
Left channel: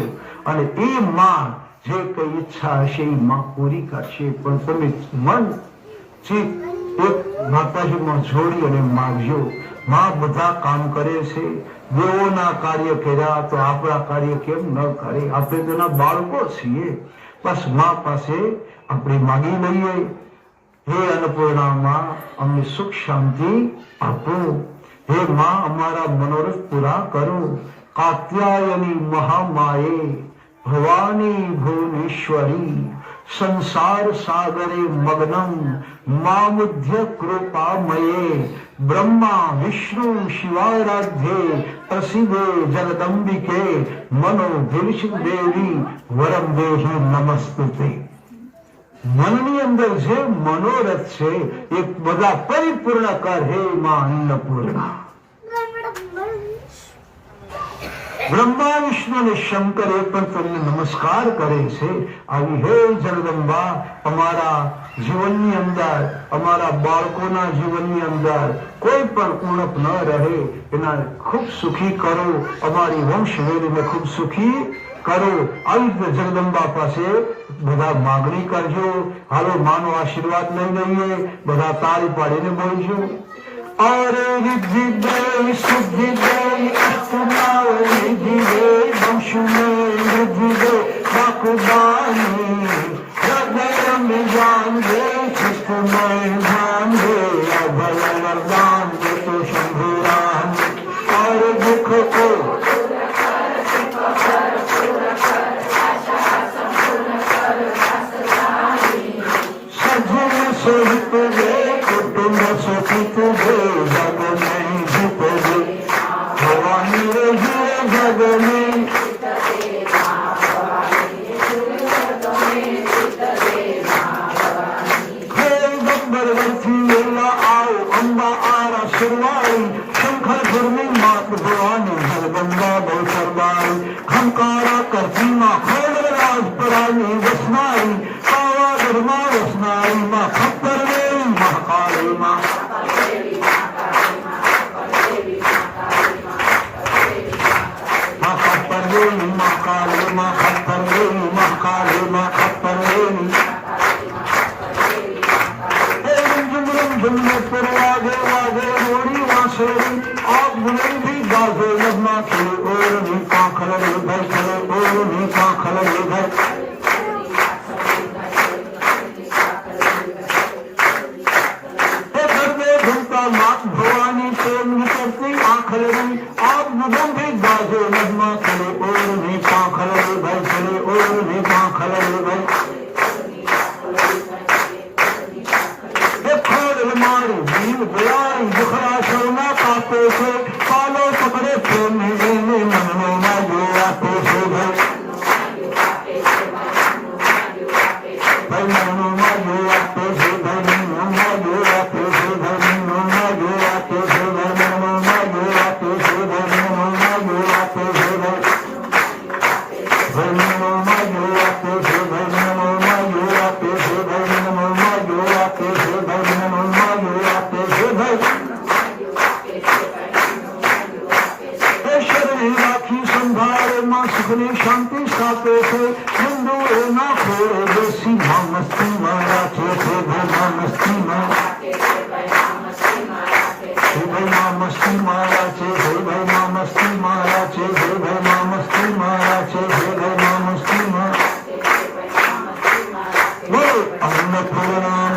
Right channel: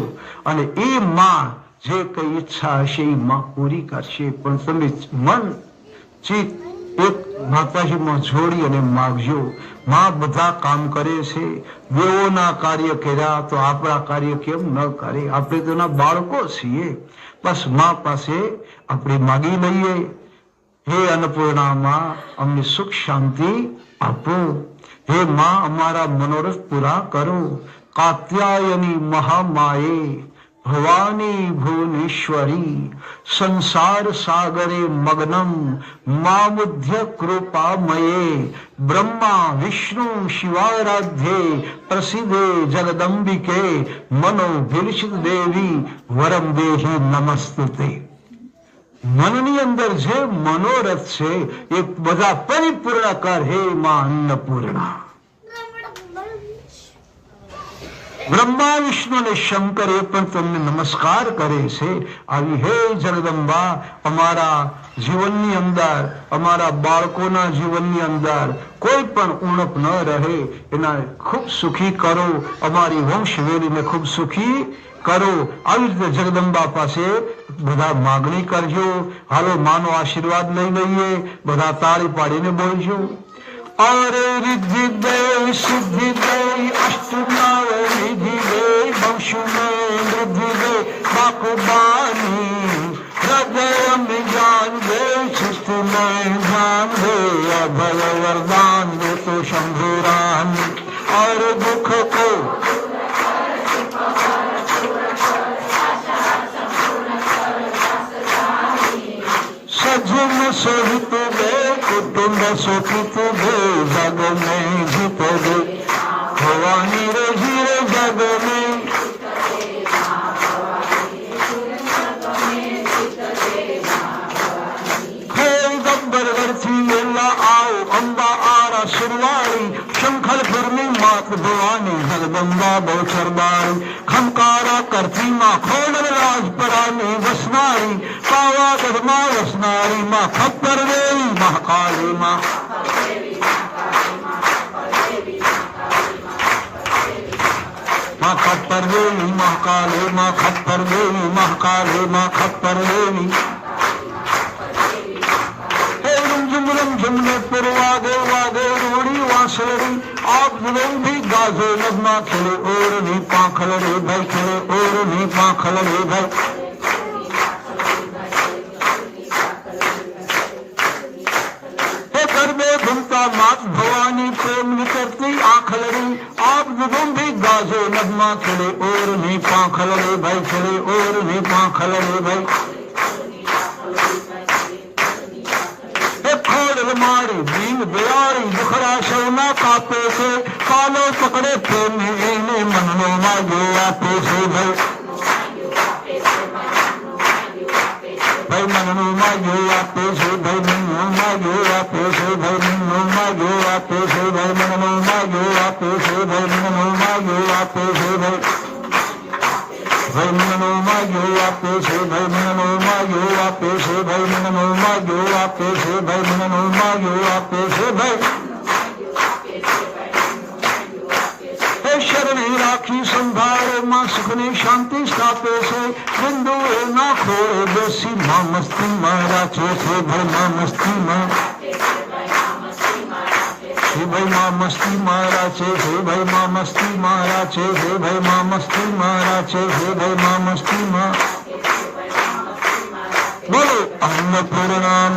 અને એ માં જે કઈ ઈચ્છા હશે એ માં પૂરી કરશે. પણ તમે મન ચિત્ત એક માતાજીમાં જોડી અને માગજો. માં બધા કામ કરે છે. દેવોના કાર્ય કર્યા તો આપણા કાર્ય કેમ ન કરે? આપણે તેના બાળકો છીએ. બસ માં પાસે આપણે માગી લઈએ, હે અન્નપૂર્ણામાં અમને સુખ શાંતિ આપો. હે માં અમારા મનોરથ પૂરા કરો. કાત્યાયની મહામાયે ભવાની ભુવનેશ્વરી સંસાર સાગરે મગ્નમ મામુધ્ય કૃપામયે બ્રહ્મા વિષ્ણુ શિવારાધ્યે પ્રસિદ્ધે જગદંબિકે મનો ભીલષિત દેવી વરમ દેહી નમસ્તુતે. મનની અંદર જે મનોરથ છે એ બધા પરિપૂર્ણ કર હે માં અન્નપૂર્ણા. બ્રહ્મા વિષ્ણુ અને શંકર એ પણ તમને નમસ્કાર કરે છે. આવી હે જગદંબા, અમારા જીવનની અંદર, અમારા બાળકોના જીવનની અંદર કોઈ પણ ઉણપ ન રહે, એના ખૂબ સુખી કરો. અમારી વંશવેલીને ખૂબ સુખી કરો. આવી રીતે જગદંબા પાસે બધા માગણી કરજો. હાલો માનો આશીર્વાદ લઈ લઈએ. બધા તાળી પાડીને બોલજો. અરે રિદ્ધિ દે સિદ્ધિ દે અષ્ટમાવ નિધિ દે વંશુને વૃદ્ધિ દે બાકુબાની હૃદય में जान दे चित्त में ध्यान दे अभय वरदान दे तो शंभुरान और दुख को सजन सोहित दे कुटुंब सुखित दे जग में जीत दे भवानी रही जग में गब्बर अर्थी वेला आओ अम्बा आरा शिरवाई शंखल घर में मात भवानी जगदम्बा बहुचरबाई खमकारा करती माँ खोड़ राज परानी वसनाई काला धर्मा वसनाई माँ खप्पर देवी महाकाली माँ खप्पर देवी महाकाली माँ खप्पर देवी महाकाली माँ खप्पर देवी झुमने पर वागे वागे रोड़ी वासड़ी आप गुणे भी गाजे लगना खेले और नहीं पाखल रे भाई खेले और नहीं पाखल रे भाई कर दे घूमता मात भवानी प्रेम करती आखल रे आप ની પાંખલ રે ભાઈ ચડે ઓર ની પાંખલ રે ભાઈ એ ખોડ મારી જીવ દયાળી દુખડા શરણા કાપે છે કાલો પકડે પ્રેમી લઈને મનનો માજો આપે છે ભાઈ મનનો માજો આપે છે ભાઈ મનનો માજો આપે છે ભાઈ મનનો માજો આપે છે ભાઈ મનનો માજો આપે છે ભાઈ મનનો માજો આપે છે ભાઈ મનનો માજો આપે છે ભાઈ મનનો માજો આપે છે ભાઈ મનનો માજો આપે છે ભાઈ મનનો માજો આપે છે ભાઈ શરણી રાખી સંભાળે માં સુખની શાંતિ સ્થાપે છે હિન્દુ એના ખોળે બેસી માં મસ્તી મારા છે ભાઈ માં મસ્તી માં ભાઈ માં મસ્તી મારા છે ભાઈ માં મસ્તી મારા છે ભાઈ માં મસ્તી મારા છે ભાઈ માં મસ્તી માં બોલો અન્નપૂર્ણા